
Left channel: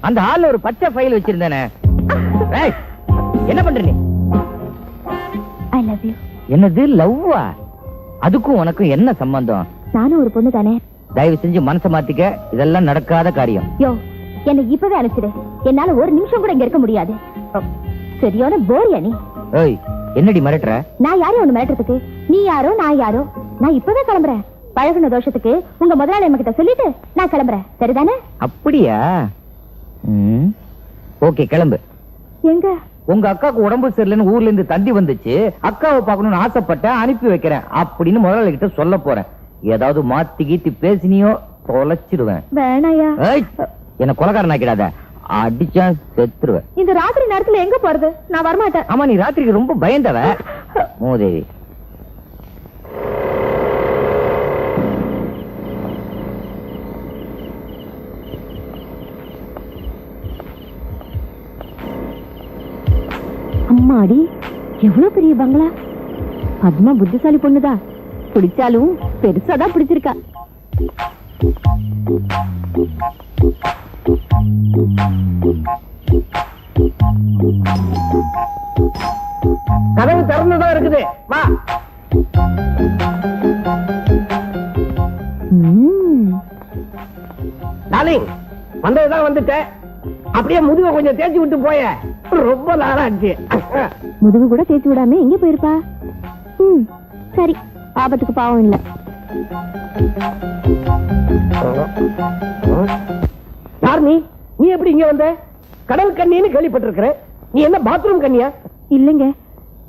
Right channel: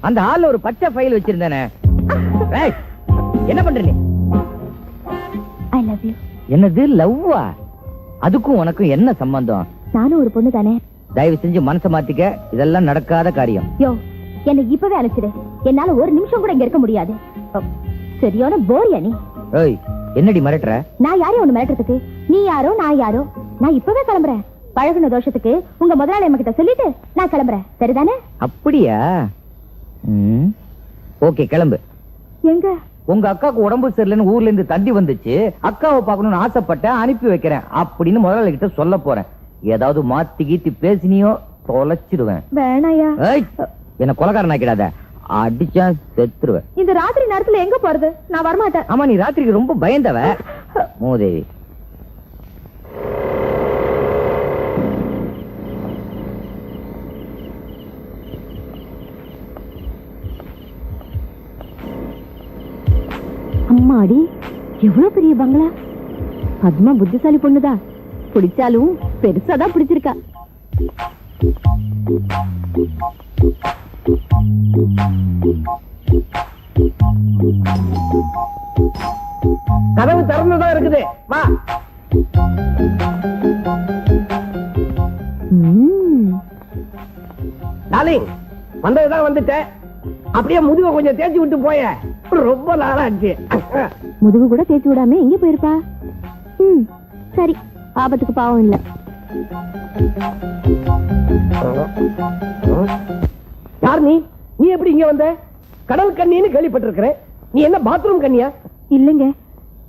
அந்த ஹால்ல ஒரு பச்சை ஃபைல் வச்சிருந்தேனே. என்ன பண்ற நீ? I love you. என்னது லவ்வா? அதுக்கும் உனக்கும் என்ன சம்பந்தம்? நானும் ஒரு பொண்ணு தானே. தயவு செஞ்சு மனசை மாத்திக்க, இதெல்லாம் நடக்காத காரியம். யோ, என்ன இப்பவே அழைச்சிடு. என்னால ஒரு நிமிஷம் கூட இங்க இருக்க முடியாது. சரியான போரியா நீ. ஏய், என்னடி மிரட்டுற? நான் யாரும் ஒண்ணு மிரட்டுறதுக்கு? நீ யாரோ நான் யாரோ. நான் இப்பவே கிளம்புறேன். பழகுன தோஷத்துக்கு உங்க முதலாளி கிட்ட சொல்லிட்டு நான் கிளம்புறேன். சரிதானே? அப்படியா? ஓகே, கிளம்பு. எங்க? உங்க அக்காவுக்கு உடம்பு சரியில்லைன்னு ஊர்ல இருந்து தந்தி வந்துச்சு. அக்காவை பார்க்கணும்னு ஆசைப்பட்டேன், அனுப்பி வைக்கிறேன் அப்படின்னு முதலாளி கிட்ட சொல்ல போறேன். ஏதாவது மாத்தி கீத்தி பேசினியோ தொலைச்சிடுவேன். வேணாயா. என்ன கொலைகாரன் ஆக்கிடாத, அடிச்சா செத்துருவேன். இந்த ராத்திரி நேரத்துல எங்க போறது? நான் வரமாட்டேன். ஆமா, நீ ராத்திரிக்கு ரொம்ப பயந்தவ மூதேவி. அம்மாடி, எவ்வளவு பெரிய பங்களா. பத்மா புத்திசாலி பொண்ணுதான். பிடிச்சாலும் பெருசாதான் பிடிச்சிருக்கா. கதவு திறந்துதான் இருக்குது. வா. டார்லிங், வந்ததுதான் வந்துட்டேன். அப்படியே முதுக கொஞ்சம் தேய்ச்சி விட்டு போய. ரொம்ப நாளாச்சு. முதுகு கூட தேய்ச்சி விடாம எங்க போயிருப்பா? சரி, ஆபத்துக்கு பாவம் இல்ல. தாரணி, நீ எப்படி இங்க வந்த? கடல் கண்ணின்னு கேள்விப்பட்டிருக்கிற. நீ என்ன பாத்ரூம் கண்ணியா? இல்லங்க,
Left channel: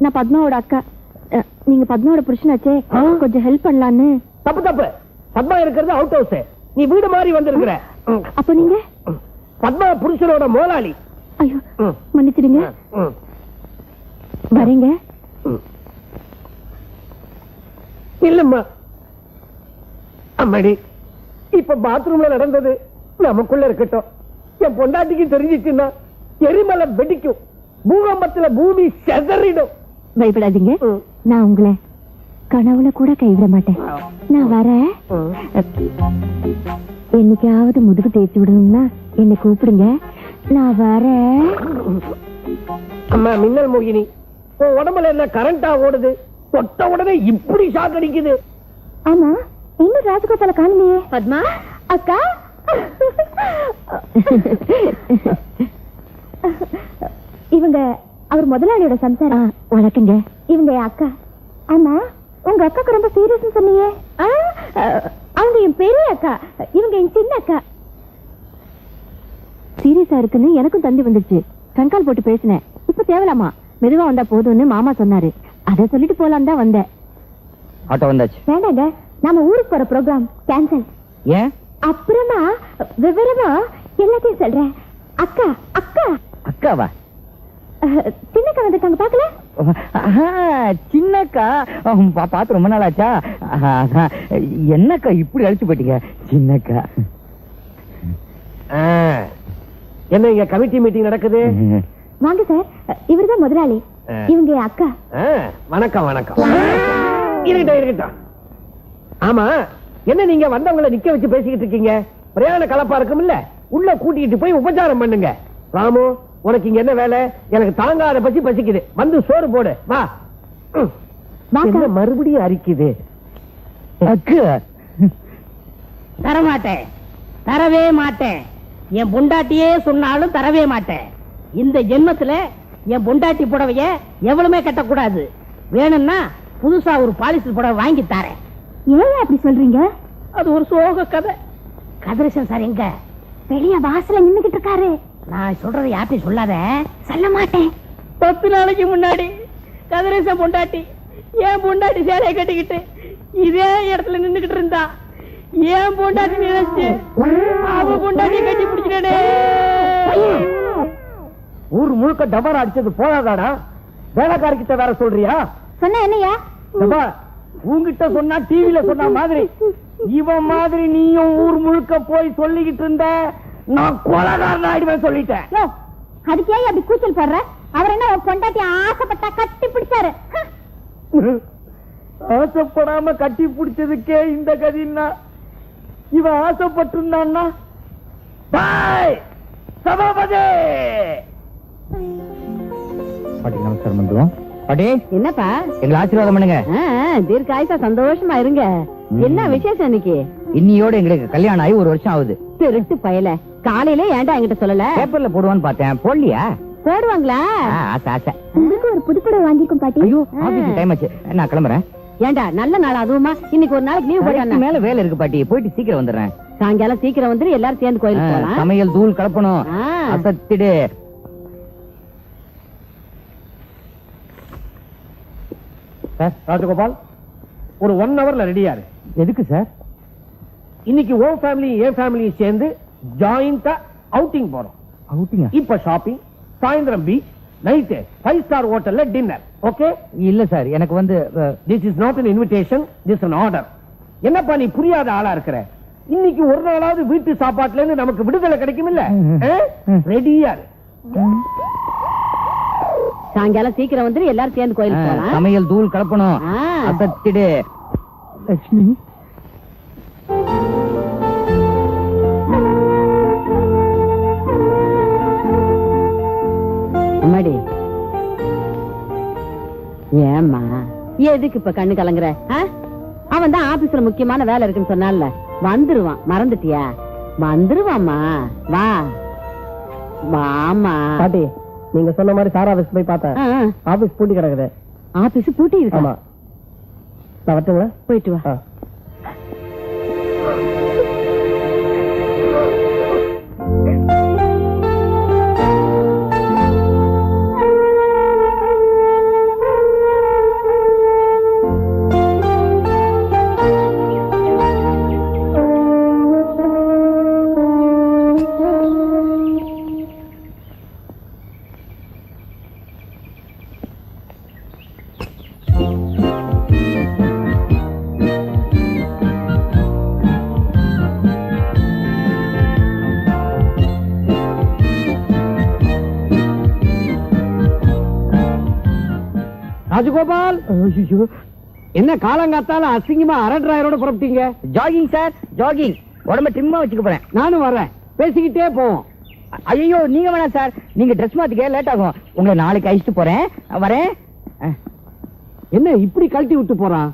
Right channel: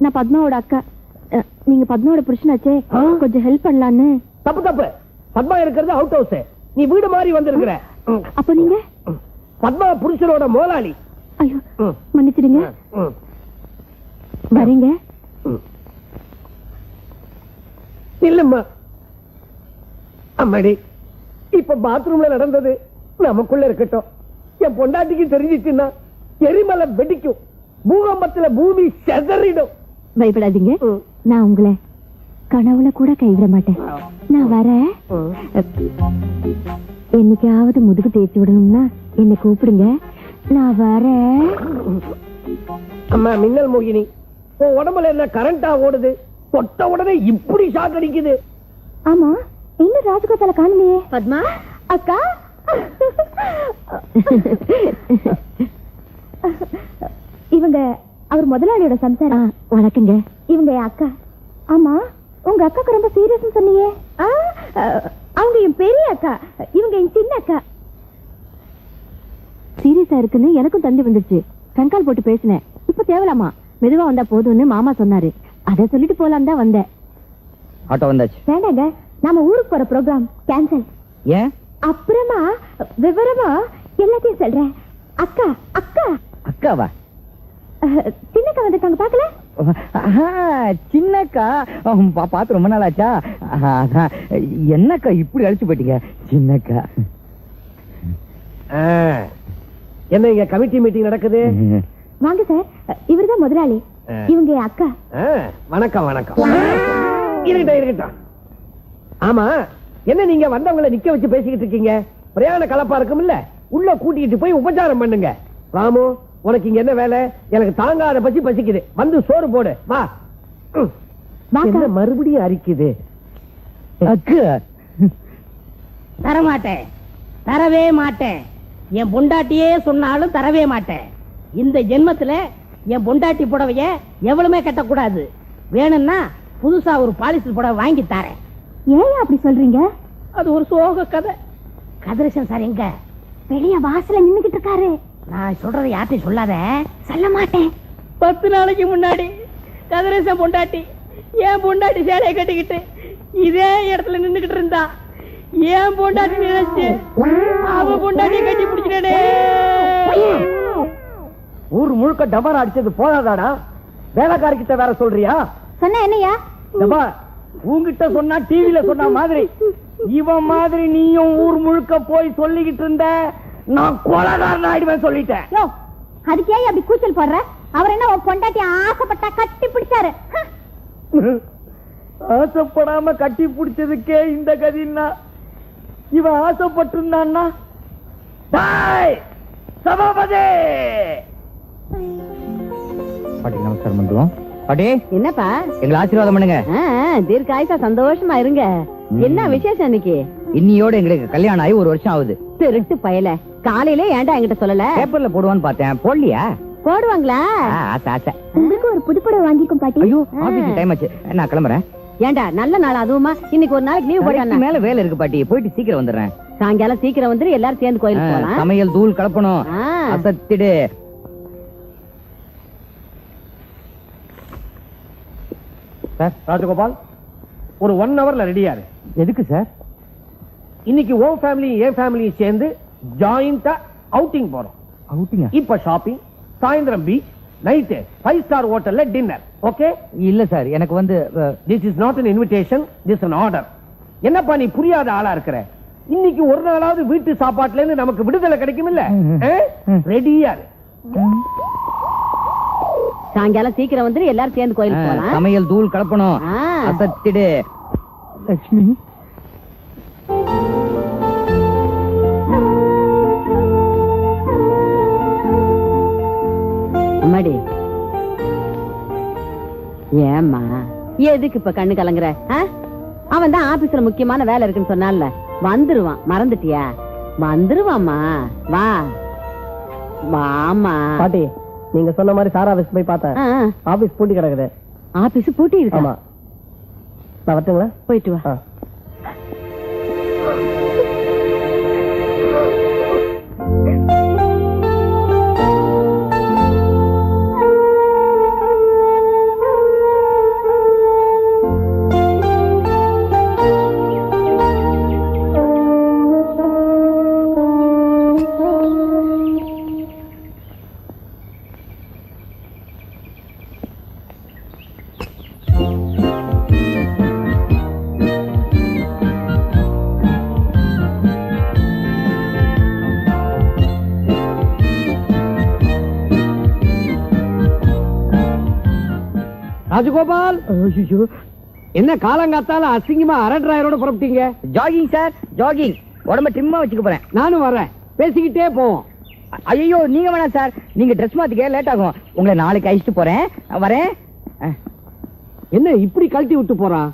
நான் பத்மாவோட அக்கா. நீங்க பத்மாவோட புருஷனாச்சே, கொஞ்சம் ஹெல்ப் பண்ணலான்னு. தப்பு தப்பு. பத்மா இருக்கிறது அவுட் ஹவுஸ். நீ வீடு மாதிரி வந்திருக்கிற. அப்ப நீங்க? பத்மா புருஷனோட முதலாளி. ஐயோ, மன்னிச்சிடுங்க. வரீங்க? இல்லம்மா. அம்மாடி, இப்ப பாத்ரூம்ல நடந்தது நமக்குள்ள இருக்கட்டும். என் பொண்டாட்டிக்கு தெரிஞ்சிச்சுன்னா எரிமலை வெடிக்கும், பூகம்பத்துல பூமி செதறிடும். பயப்படாதீங்க, நான் உங்களை கனவுல கூட கைவிட மாட்டேன். நான் வரேன். என்னைக்காவது முதுகு தேய்ச்சி விடணும்னா என்னை கூப்பிடுங்க, நான் வரேன். அம்மா மின்னல் மோகினி, உன் உடம்புல என்ன கரண்டா ஓடுது? தொட்ட உடனே இப்படி ஷாக் அடிக்குது. ஆமா, இன்னும் ராஜகோபால காணலையே. பத்மா அக்கா. இவங்க அவர் முதலாளியோட சம்சாரம். வணக்கங்க. இவங்க என் அக்கா. ஆமா, உங்க அக்காக்கு ரொம்ப சீரியஸ் சொன்னீங்க. அவங்க என் பெரிய அக்கா, இவங்க என் சின்ன அக்கா. சீரியஸா இருக்குன்னு எனக்கும் தந்தி வந்துச்சு. கண்கால் போட்டு பேசினேன். இப்ப தேவலாமா, மெதுவா வந்தா போதும்னு மாமா சொன்னாரு. அதை சொல்லிட்டு போலாம் தான் வந்தேன். ஆட்டோ வந்தாச்சு. வேண்டாங்க, நாம ஊருக்கு போற ப்ரோக்ராம் கேன்சல். ஏன்? அப்புறமா விவரமா எல்லாத்தையும் சொல்றேன். அக்கா அக்கா. அக்காவா? சின்னக்கா வந்திருக்காங்க, பாக்கல? சின்னக்கா பார்த்து ரொம்ப நாள் ஆச்சா? என்னக்கா இப்படி அழிச்சு போயிட்டீங்க? சின்னக்கா என்ன இங்க கமிட்டி மீட்டிங் நடக்குது? வாங்க சார், இவர்தான் முதலாளி, இவங்க என் அக்கா. வணக்கம் வணக்கம். இருக்கட்டும் இருக்கட்டும். ஆமா, என்ன நீங்க வந்தவங்களை நிக்க வச்சு பேசிக்கிட்டு இருக்கீங்க? பிரயாண கலப்பா இருக்கும் இல்ல, உள்ள கூட்டிட்டு போய் உபச்சாரம் பண்ணுங்க. ராமு, உனக்கு இங்க என்ன வேலை? எனக்கு தாங்காத பசி பசிக்குது, வந்து சோறு போடு வா. என்ன மறுபடியும் அரிக்குது? தரமாட்டேன், தரவே மாட்டேன். என் பொண்டாட்டியே சொன்னாலும் தரவே மாட்டேன். இந்த ஜென்மத்துல என் பொண்டாட்டி புடவைய எவ்வளவுமே கட்டக்கூடாது. வேணும்னா புதுசா ஒரு பாலிஸ்டர் புடவை வாங்கி தரேன். ஏன் அப்படி சொல்றீங்க? அது ஒரு சோக கதை. கதிரேசன் சார் எங்க? வெளிய வாசல்ல நின்னுகிட்டு இருக்காரு. நான் சொல்றதை யார்ட்டையும் சொல்லாத. சொல்ல மாட்டேன். 10 நாளைக்கு முன்னாடி கதிரேசன் பொண்டாட்டி ஏன் பொண்டாட்டி சேலையை கட்டிக்கிட்டு இதே இடத்துல நின்னுகிட்டு இருந்தா. ஏன் பொண்டாட்டி நினைச்சு அவ பொண்டாட்டி கட்டி பிடிச்சிட்டே. ஊர் முழுக்க டபாரா அடிச்சது போதாதாடா? வேலைக்காரர்கிட்ட வேற சொல்றியா? சொன்ன என்னையா? உங்ககிட்ட சொன்னா டிவில சொன்ன மாதிரி இவன் மாதிரி நீயும் ஊர் முழுக்க போய் சொல்லிக்கிட்டு இருந்த, நான் கொலைகாரன் ஆயிடுவேன் சொல்லிட்டேன். அதுக்கு ஏன் அப்படி கூச்சல் பாடுற? அவர் என்ன பொண்டாட்டி ஆசைப்பட்டா கட்டி பிடிச்சாரு. ஆசைப்படாம கட்டி பிடிச்சதுக்கே இந்த கதின்னா, இவன் ஆசைப்பட்டிருந்தான்னா சபாபதி. பாட்டி நமஸ்காரம் பண்ணுவோம். பாட்டி, என்னப்பா? எங்களை ஆசீர்வாதம் பண்ணுங்க. தீர்க்காயசா சந்தோஷமா இருங்க. என்ன விசேஷம் இன்னைக்கு? இன்னியோட எங்களுக்கு கல்யாணம் ஆகி 1 வருஷம் ஆகுது. திருட்டு பயல, காலையில ஏன்டா என்கிட்ட சொல்லல? பேப்பர்ல போடுவான்னு பார்த்தேன், போடலையா? போடுவாங்களா? ஆசை ஆசை. உங்களுக்கு ஒரு புதுப்படம் வாங்கிக்கும் பாட்டி. ஐயோ, ஆபீஸ் டைம் ஆச்சு, நான் கிளம்புறேன். ஏண்டா நல்ல நாள் அதுவுமா? இன்னைக்கு ஒரு நாளைக்கு லீவ் போடுறேன். மேல வேலை இருக்கு பாட்டி, போயிட்டு சீக்கிரம் வந்துடுறேன். சாயங்காலம் சீக்கிரம் வந்து எல்லாரும் சேர்ந்து கோயிலுக்கு போலாம். சமையல் தூள் கலப்பணும். அசத்திடு. ராஜகோபால், ஒரு 1 ஹவர்ல ரெடியாரு. எதுக்கு சார்? இன்னைக்கு ஓ ஃபேமிலி என் ஃபேமிலியும் சேர்ந்து ஜாயிண்டா அவுட்டிங் போறோம். அவுட்டிங்கா? இப்ப ஷாப்பிங், சாயந்தரம் பீச், நைட் 5 ஸ்டார் ஹோட்டல்ல டின்னர். ஓகே? இல்ல சார், எனக்கு வந்து this is not an invitation, this an order. என்னப்பா நீ புரியாத ஆளா இருக்கிற? இன்னைக்கு ஒரு நாளாவது வீட்டு சாப்பாட்டுல இருந்து நமக்கு விடுதலை கிடைக்கும் இல்ல? ரெடியா? சாயங்காலம் சீக்கிரம் வந்து எல்லாரும் சேர்ந்து கோயிலுக்கு போலாம். சமையல் தூள் கலப்பணும். அசத்திடு. லட்சுமி, அம்மாடி, ஏம்மா எதுக்கு இப்ப கண்ணு கலங்குற? அவன் தான் ஆபீஸ்ல முக்கியமான வேலை இருக்குன்னு சொன்னால வந்துருவான், மறந்துட்டியா? வந்துருவாமா, வா வாமா. பாட்டி நீங்க சொன்ன மாதிரி சார் ஆபீஸ் போய் பார்த்தேன். ஆபீஸ் பூட்டி கிடக்குது. ஆபீஸ் பூட்டி இருக்கு. ஆமா, நான் வரட்டுங்களா? போயிட்டு வா. ராஜகோபால், என்ன காலங்காத்தால அசிங்கமா அரண்ராயரோட புறப்பட்டீங்க? Jogging sir, jogging. உடம்ப டிம்மா வச்சுக்க போறேன். நானும் வரேன், பேசிக்கிட்டே போவோம். ஐயோ நீங்க வேணாம் சார், நீங்க ட்ரெஸ் மாத்திக்க லேட் ஆகும். உங்களை நாளைக்கு அழிச்சுட்டு போறேன். வரேன். என்ன இப்படி கழட்டி விட்டு போறான்?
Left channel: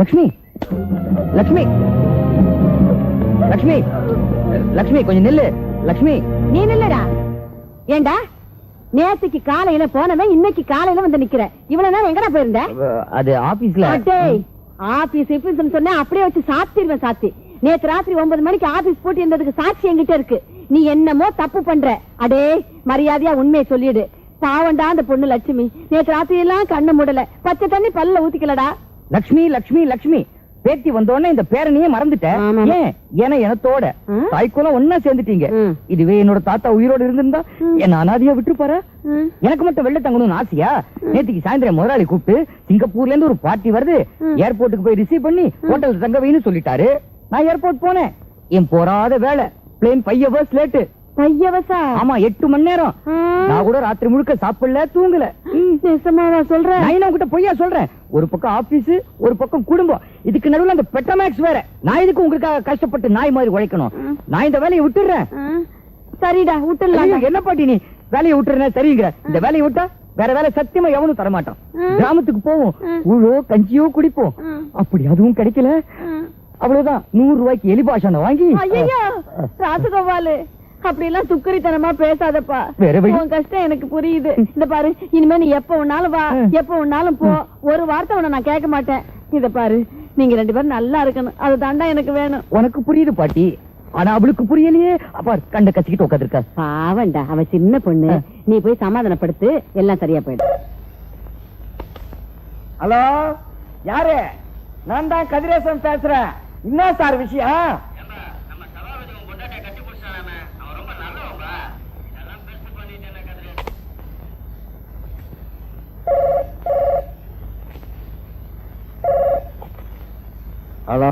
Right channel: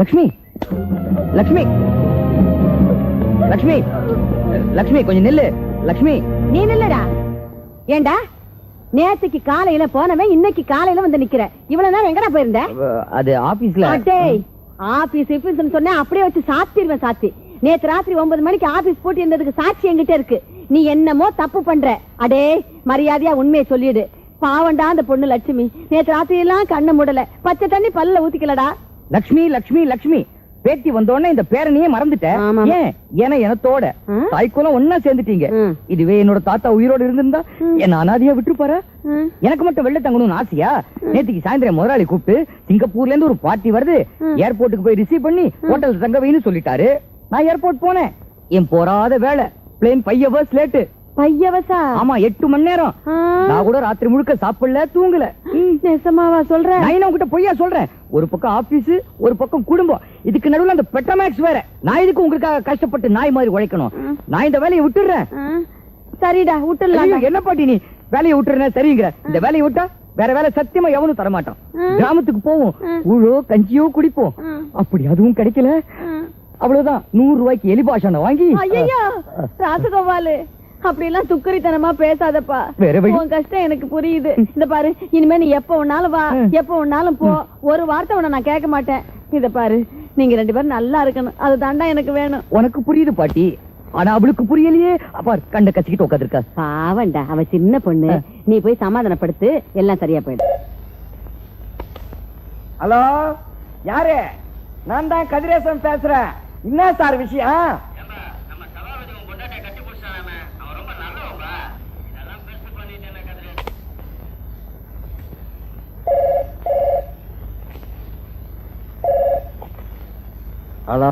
லட்சுமி, லட்சுமி, லட்சுமி, லட்சுமி கொஞ்சம் நில்லு. லட்சுமி, நீ நில்லடா. ஏண்டா நேத்துக்கு காலையில போனவன் இன்னைக்கு காலையில வந்து நிக்கிற. இவ்வளவு நேரம் எங்கடா போயிருந்த? அது ஆபீஸ்ல. ஆபீஸ் சொன்ன அப்படியே வச்சு சாத்திடுவேன். சாட்சி நேத்து ராத்திரி 9 மணிக்கு ஆபீஸ் போட்டு இருந்ததுக்கு சாட்சி என்கிட்ட இருக்கு. நீ என்னமோ தப்பு பண்ற. அடே மரியாதையா உண்மையை சொல்லிடு. பாவண்டா அந்த பொண்ணு லட்சுமி நேத்து ராத்திரி எல்லாம் கண்ண மூடல, பச்சை தண்ணி பல்ல ஊத்திக்கலடா. லட்சுமி, லட்சுமி, லட்சுமி பேத்தி வந்தோடனே இந்த பேரனையே மறந்துட்டேன். ஏன்னா எனத்தோட தாய்க்குள்ள ஒன்னா சேர்ந்துட்டீங்க. இதுவே என்னோட தாத்தா உயிரோடு இருந்திருந்தா என்ன அனாதையா விட்டு பாரு. எனக்கு மட்டும் வெள்ள தங்கணும்னு ஆசையா? நேற்றுக்கு சாயந்தரம் முதலாளி கூப்பிட்டு சிங்கப்பூர்ல இருந்து ஒரு பார்ட்டி வருது, ஏர்போர்ட்டுக்கு போய் ரிசீவ் பண்ணி ஹோட்டல் தங்க வைன்னு சொல்லிட்டாரு. நான் ஏர்போர்ட் போனேன். என் போராத வேலை பிளேன் 5 hours லேட்டு. ஆமா 8 மணி நேரம். நான் கூட ராத்திரி முழுக்க சாப்பிடல, தூங்கல. சொல்றேன் நான் உங்ககிட்ட பொய்யா சொல்றேன்? ஒரு பக்கம் ஆபீஸ், ஒரு பக்கம் குடும்பம், இதுக்கு நடுவுல அந்த பெட்டமேக்ஸ் வேற. நான் இதுக்கு உங்களுக்காக கஷ்டப்பட்டு நாய் மாதிரி உழைக்கணும். நான் இந்த வேலையை விட்டுறேன். சரிடா விட்டுடலாம். என்ன பாட்டி நீ வேலையை விட்டுறேன் சரிங்கிற? இந்த வேலையை விட்டா வேற வேலை சத்தியமா எவனும் தரமாட்டோம். கிராமத்துக்கு போவோம், ஊழோ கஞ்சியோ குடிப்போம். அப்படி அதுவும் கிடைக்கல, அவ்வளவுதான் 100 ரூபாய்க்கு எலி பாஷான வாங்கி. ராஜகோபாலு அப்படி எல்லாம் துக்கரித்தனமா பேசாதப்பா. உன் கஷ்டம் எனக்கு புரியுது. இந்த பாரு, இனிமே நீ எப்ப வேணாலும் வா, எப்ப வேணாலும் போ. ஒரு வார்த்தை உன்னை நான் கேட்க மாட்டேன். இத பாரு, நீங்க 2 பேரும் நல்லா இருக்கணும், அதுதான்டா எனக்கு வேணும். உனக்கு புரியுது பாட்டி, ஆனா அவளுக்கு புரியலையே. அப்பா கண்ட கச்சிக்கிட்டு உட்காந்துருக்க. பாவண்டா, அவ சின்ன பொண்ணு. நீ போய் சமாதானப்படுத்து, எல்லாம் சரியா போயிடும். ஹலோ, யாரு? நான் தான் கதிரேசன் பேசுறேன். என்ன சார் விஷயம்? ஹலோ,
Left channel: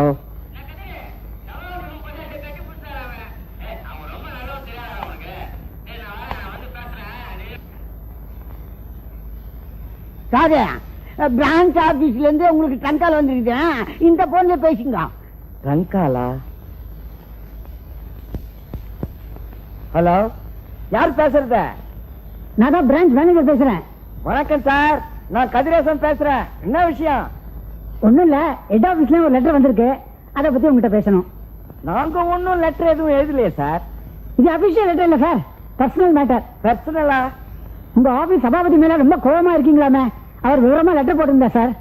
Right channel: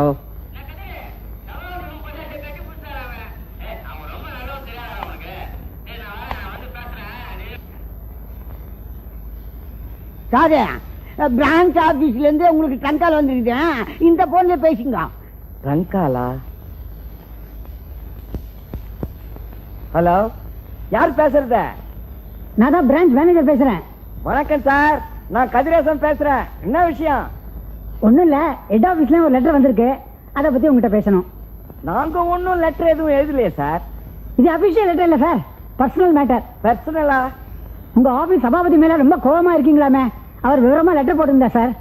சாதே பிரான்ச் ஆபீஸ்ல இருந்து உங்களுக்கு கண்கால் வந்துருக்கேன். இந்த போன்ல பேசுங்க. ரங்காலா? ஹலோ, யார் பேசுறது? நான் தான் பிரான்ச் மேனேஜர் பேசுறேன். வணக்கம் சார், நான் கதிரேசன் பேசுறேன். என்ன விஷயம்? ஒண்ணும் இல்ல, ஹெட் ஆபீஸ்ல ஒரு லெட்டர் வந்திருக்கு, அத பத்தி உங்ககிட்ட பேசணும். நாங்க ஒன்னும் லெட்டர் எதுவும் எழுதலையே சார். இது அபிஷியல் லெட்டர் இல்ல சார், பர்சனல் மேட்டர். பர்சனலா? உங்க ஆபீஸ் சபாபதி மேல ரொம்ப கோபமா இருக்கீங்களாமே, அவர் விவரமா லெட்டர் போட்டிருந்தா சார்.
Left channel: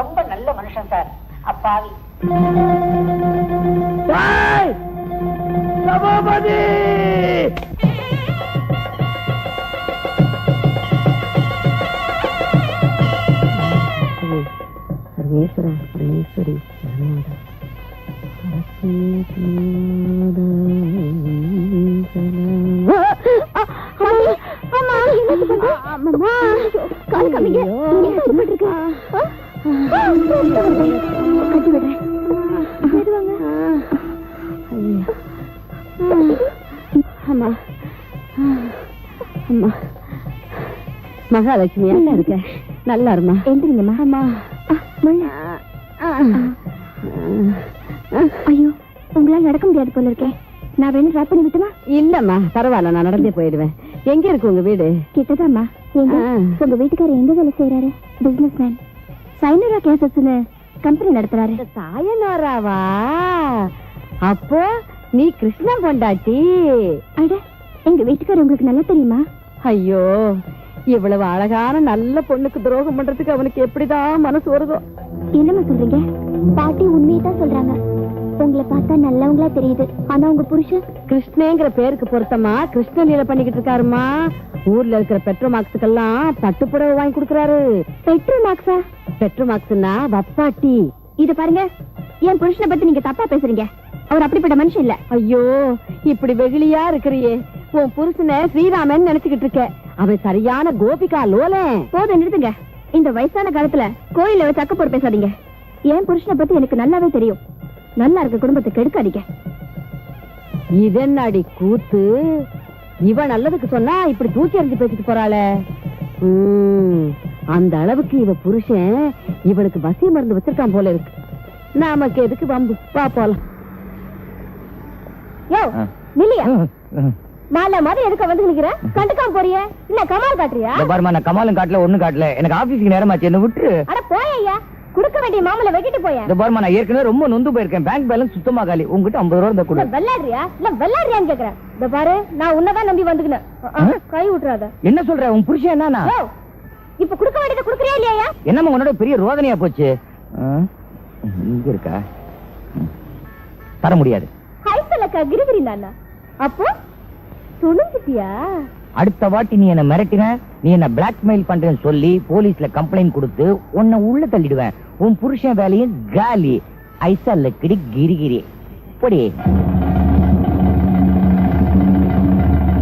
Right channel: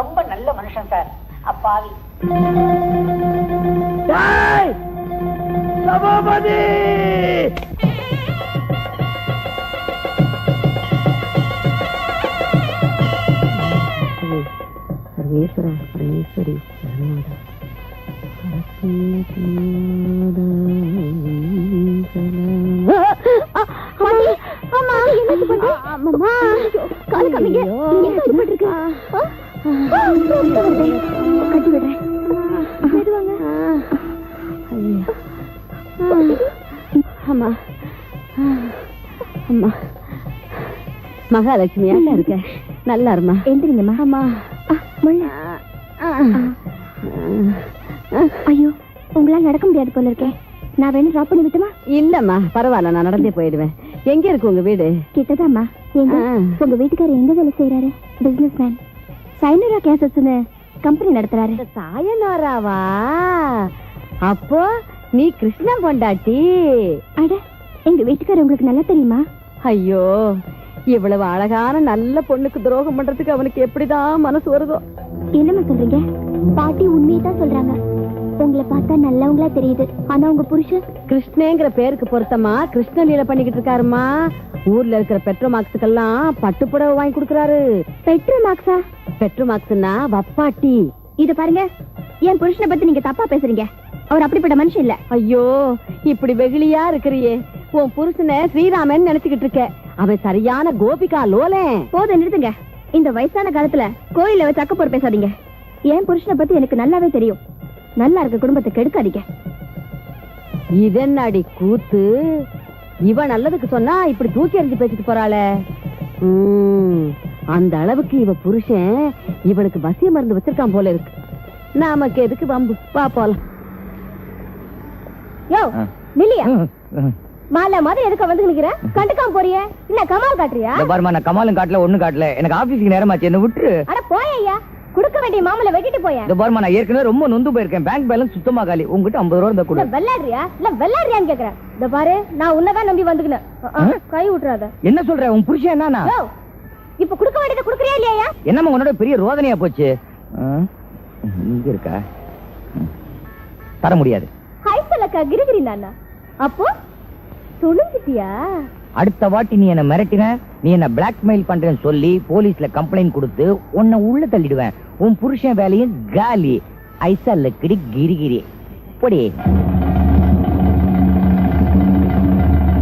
ரொம்ப நல்ல மனுஷன் சார். அப்பாவி சபாபதி! சர்வேஸ்வர சர்வேஸ்வரி மகாலட்சுமி இருக்க நல்லா இருமா. எந்திரிங்கம்மா. அம்மா ஐயோ, உங்களால நடக்க முடியாது போல இருக்கேன். நான் வேணும் டிராப் பண்ணி விட்டுமா? இல்லம்மா பரவாயில்ல, நான் நடந்தே போயிடுவேன். எங்க இருக்கு உங்க வீடு? கிட்டதாம்மா. உங்க வீட்டுக்காரர் எந்த வேலை செய்யறாரு? Businessman. சைனரா கேசஸ்னு கம்பெனி நடத்துறாரு. சாயனாராவா? அப்போ நீ கிருஷ்ணன் பொண்டாட்டி? அட, எங்க வீட்டுக்காரர் உங்களுக்கு நல்லா தெரியுமா? ஐயோ, இவ்வளவு அழகான நல்ல பொண்ணுக்கு துரோகம் பண்றதுக்கு அவனுக்கு எப்படிதான் மனசு வருதோ? என்னமா சொல்றீங்க? பாட்டி உண்மையதான் சொல்றாங்க. உங்களை பார்த்தா நல்லவங்களா தெரியுது. ஆனா உங்க புருஷன் கிருஷ்ணங்கிற பேருக்கு பொருத்தமா கிருஷ்ணன் லீலை பண்ணிக்கிட்டு இருக்காருமா. ஊர்ல இருக்கிற பெட்ரோமாக்ஸுக்கெல்லாம் பட்டுப்புடவை வாங்கி கொடுக்கறாரு. பெட்ரோமாக்ஸா? பெட்ரோமாக்ஸ்னா வப்பாட்டி. இது பாருங்க, என் புருஷனை பத்தி நீங்க தப்பா பேசுறீங்க. அவர் அப்படிப்பட்ட மனுஷன் இல்ல. ஐயோ, இப்படி வெகுளியா இருக்கிறியே. உன் புருஷனை ஸ்ரீராமன் நினைச்சுக்கிட்டு இருக்க. அவன் சரியான கோபிகா லோலன். போதும், நிறுத்துங்க. இந்த வயசான காலத்துல கோயில வச்சு அக்கப்போர் பேசாதீங்க. என் புருஷனை பத்தி எனக்கு நல்லாவே தெரியும். நல்லா இருக்க குடும்பத்தை கெடுக்காதீங்க. இதென்னடி கூத்து? இவன் நல்லதுக்கு சொன்னா இப்படி தூக்கி எறிஞ்சு பேசிட்டு போறாளே. அந்த அளவுக்கு இவ புருஷன் இவளுக்கு வசி மருந்து வச்சிருக்கான் போல இருக்கு. நமக்கு எதுக்கு வந்து பாப்போம். யோ நில்லையா, மாலை மாதிரி எதுக்க வந்து நிக்கிற? கண்டுக்காம போறிய இல்ல கமால் காட்டுறியா? பாருமா, நான் கமாலும் காட்டல ஒண்ணும் காட்டல. எனக்கு ஆபீஸ்க்கு நேரமாச்சு, என்ன விட்டு. அட போய்யா, குடுக்க வேண்டிய மாமலை வெட்டிட்டு போய. இந்த பாருமா, நான் ஏற்கனவே ரொம்ப நொந்து போயிருக்கேன். பேங்க் பேலன்ஸ் சுத்தமா காலி. உங்ககிட்ட 50 ரூபா இருந்தா கொடு. வெள்ளாடுறியா இல்ல வெள்ளாடுறியான்னு கேக்குறேன். இந்த பாரு, நான் உன்னதான் நம்பி வந்துக்கினேன். கை விட்டுறாத. என்ன சொல்ற? உன் புருஷன் என்னன்னா? இப்ப குடுக்க வேண்டியதை குடுக்கறியா இல்லையா? என்னம்மா உன்னோட பெரிய ரோதனையா போச்சு? இங்க இருக்கா? தர முடியாது. ஹைசலக்கா கிரிகிரி நானா? அப்போ துணிஞ்சிட்டியா? அடுத்த வாட்டி நீ என்ன மிரட்டின, நீ என்ன பிளாக்மெயில் பண்றேன்னு சொல்லி போலீஸ்ல கம்ப்ளைண்ட் கொடுத்து உன்னை உள்ள தள்ளிடுவேன். உன் புருஷன் வேலையும் காலி. ஐசா லக்கடி கிரிகிரி. போடி.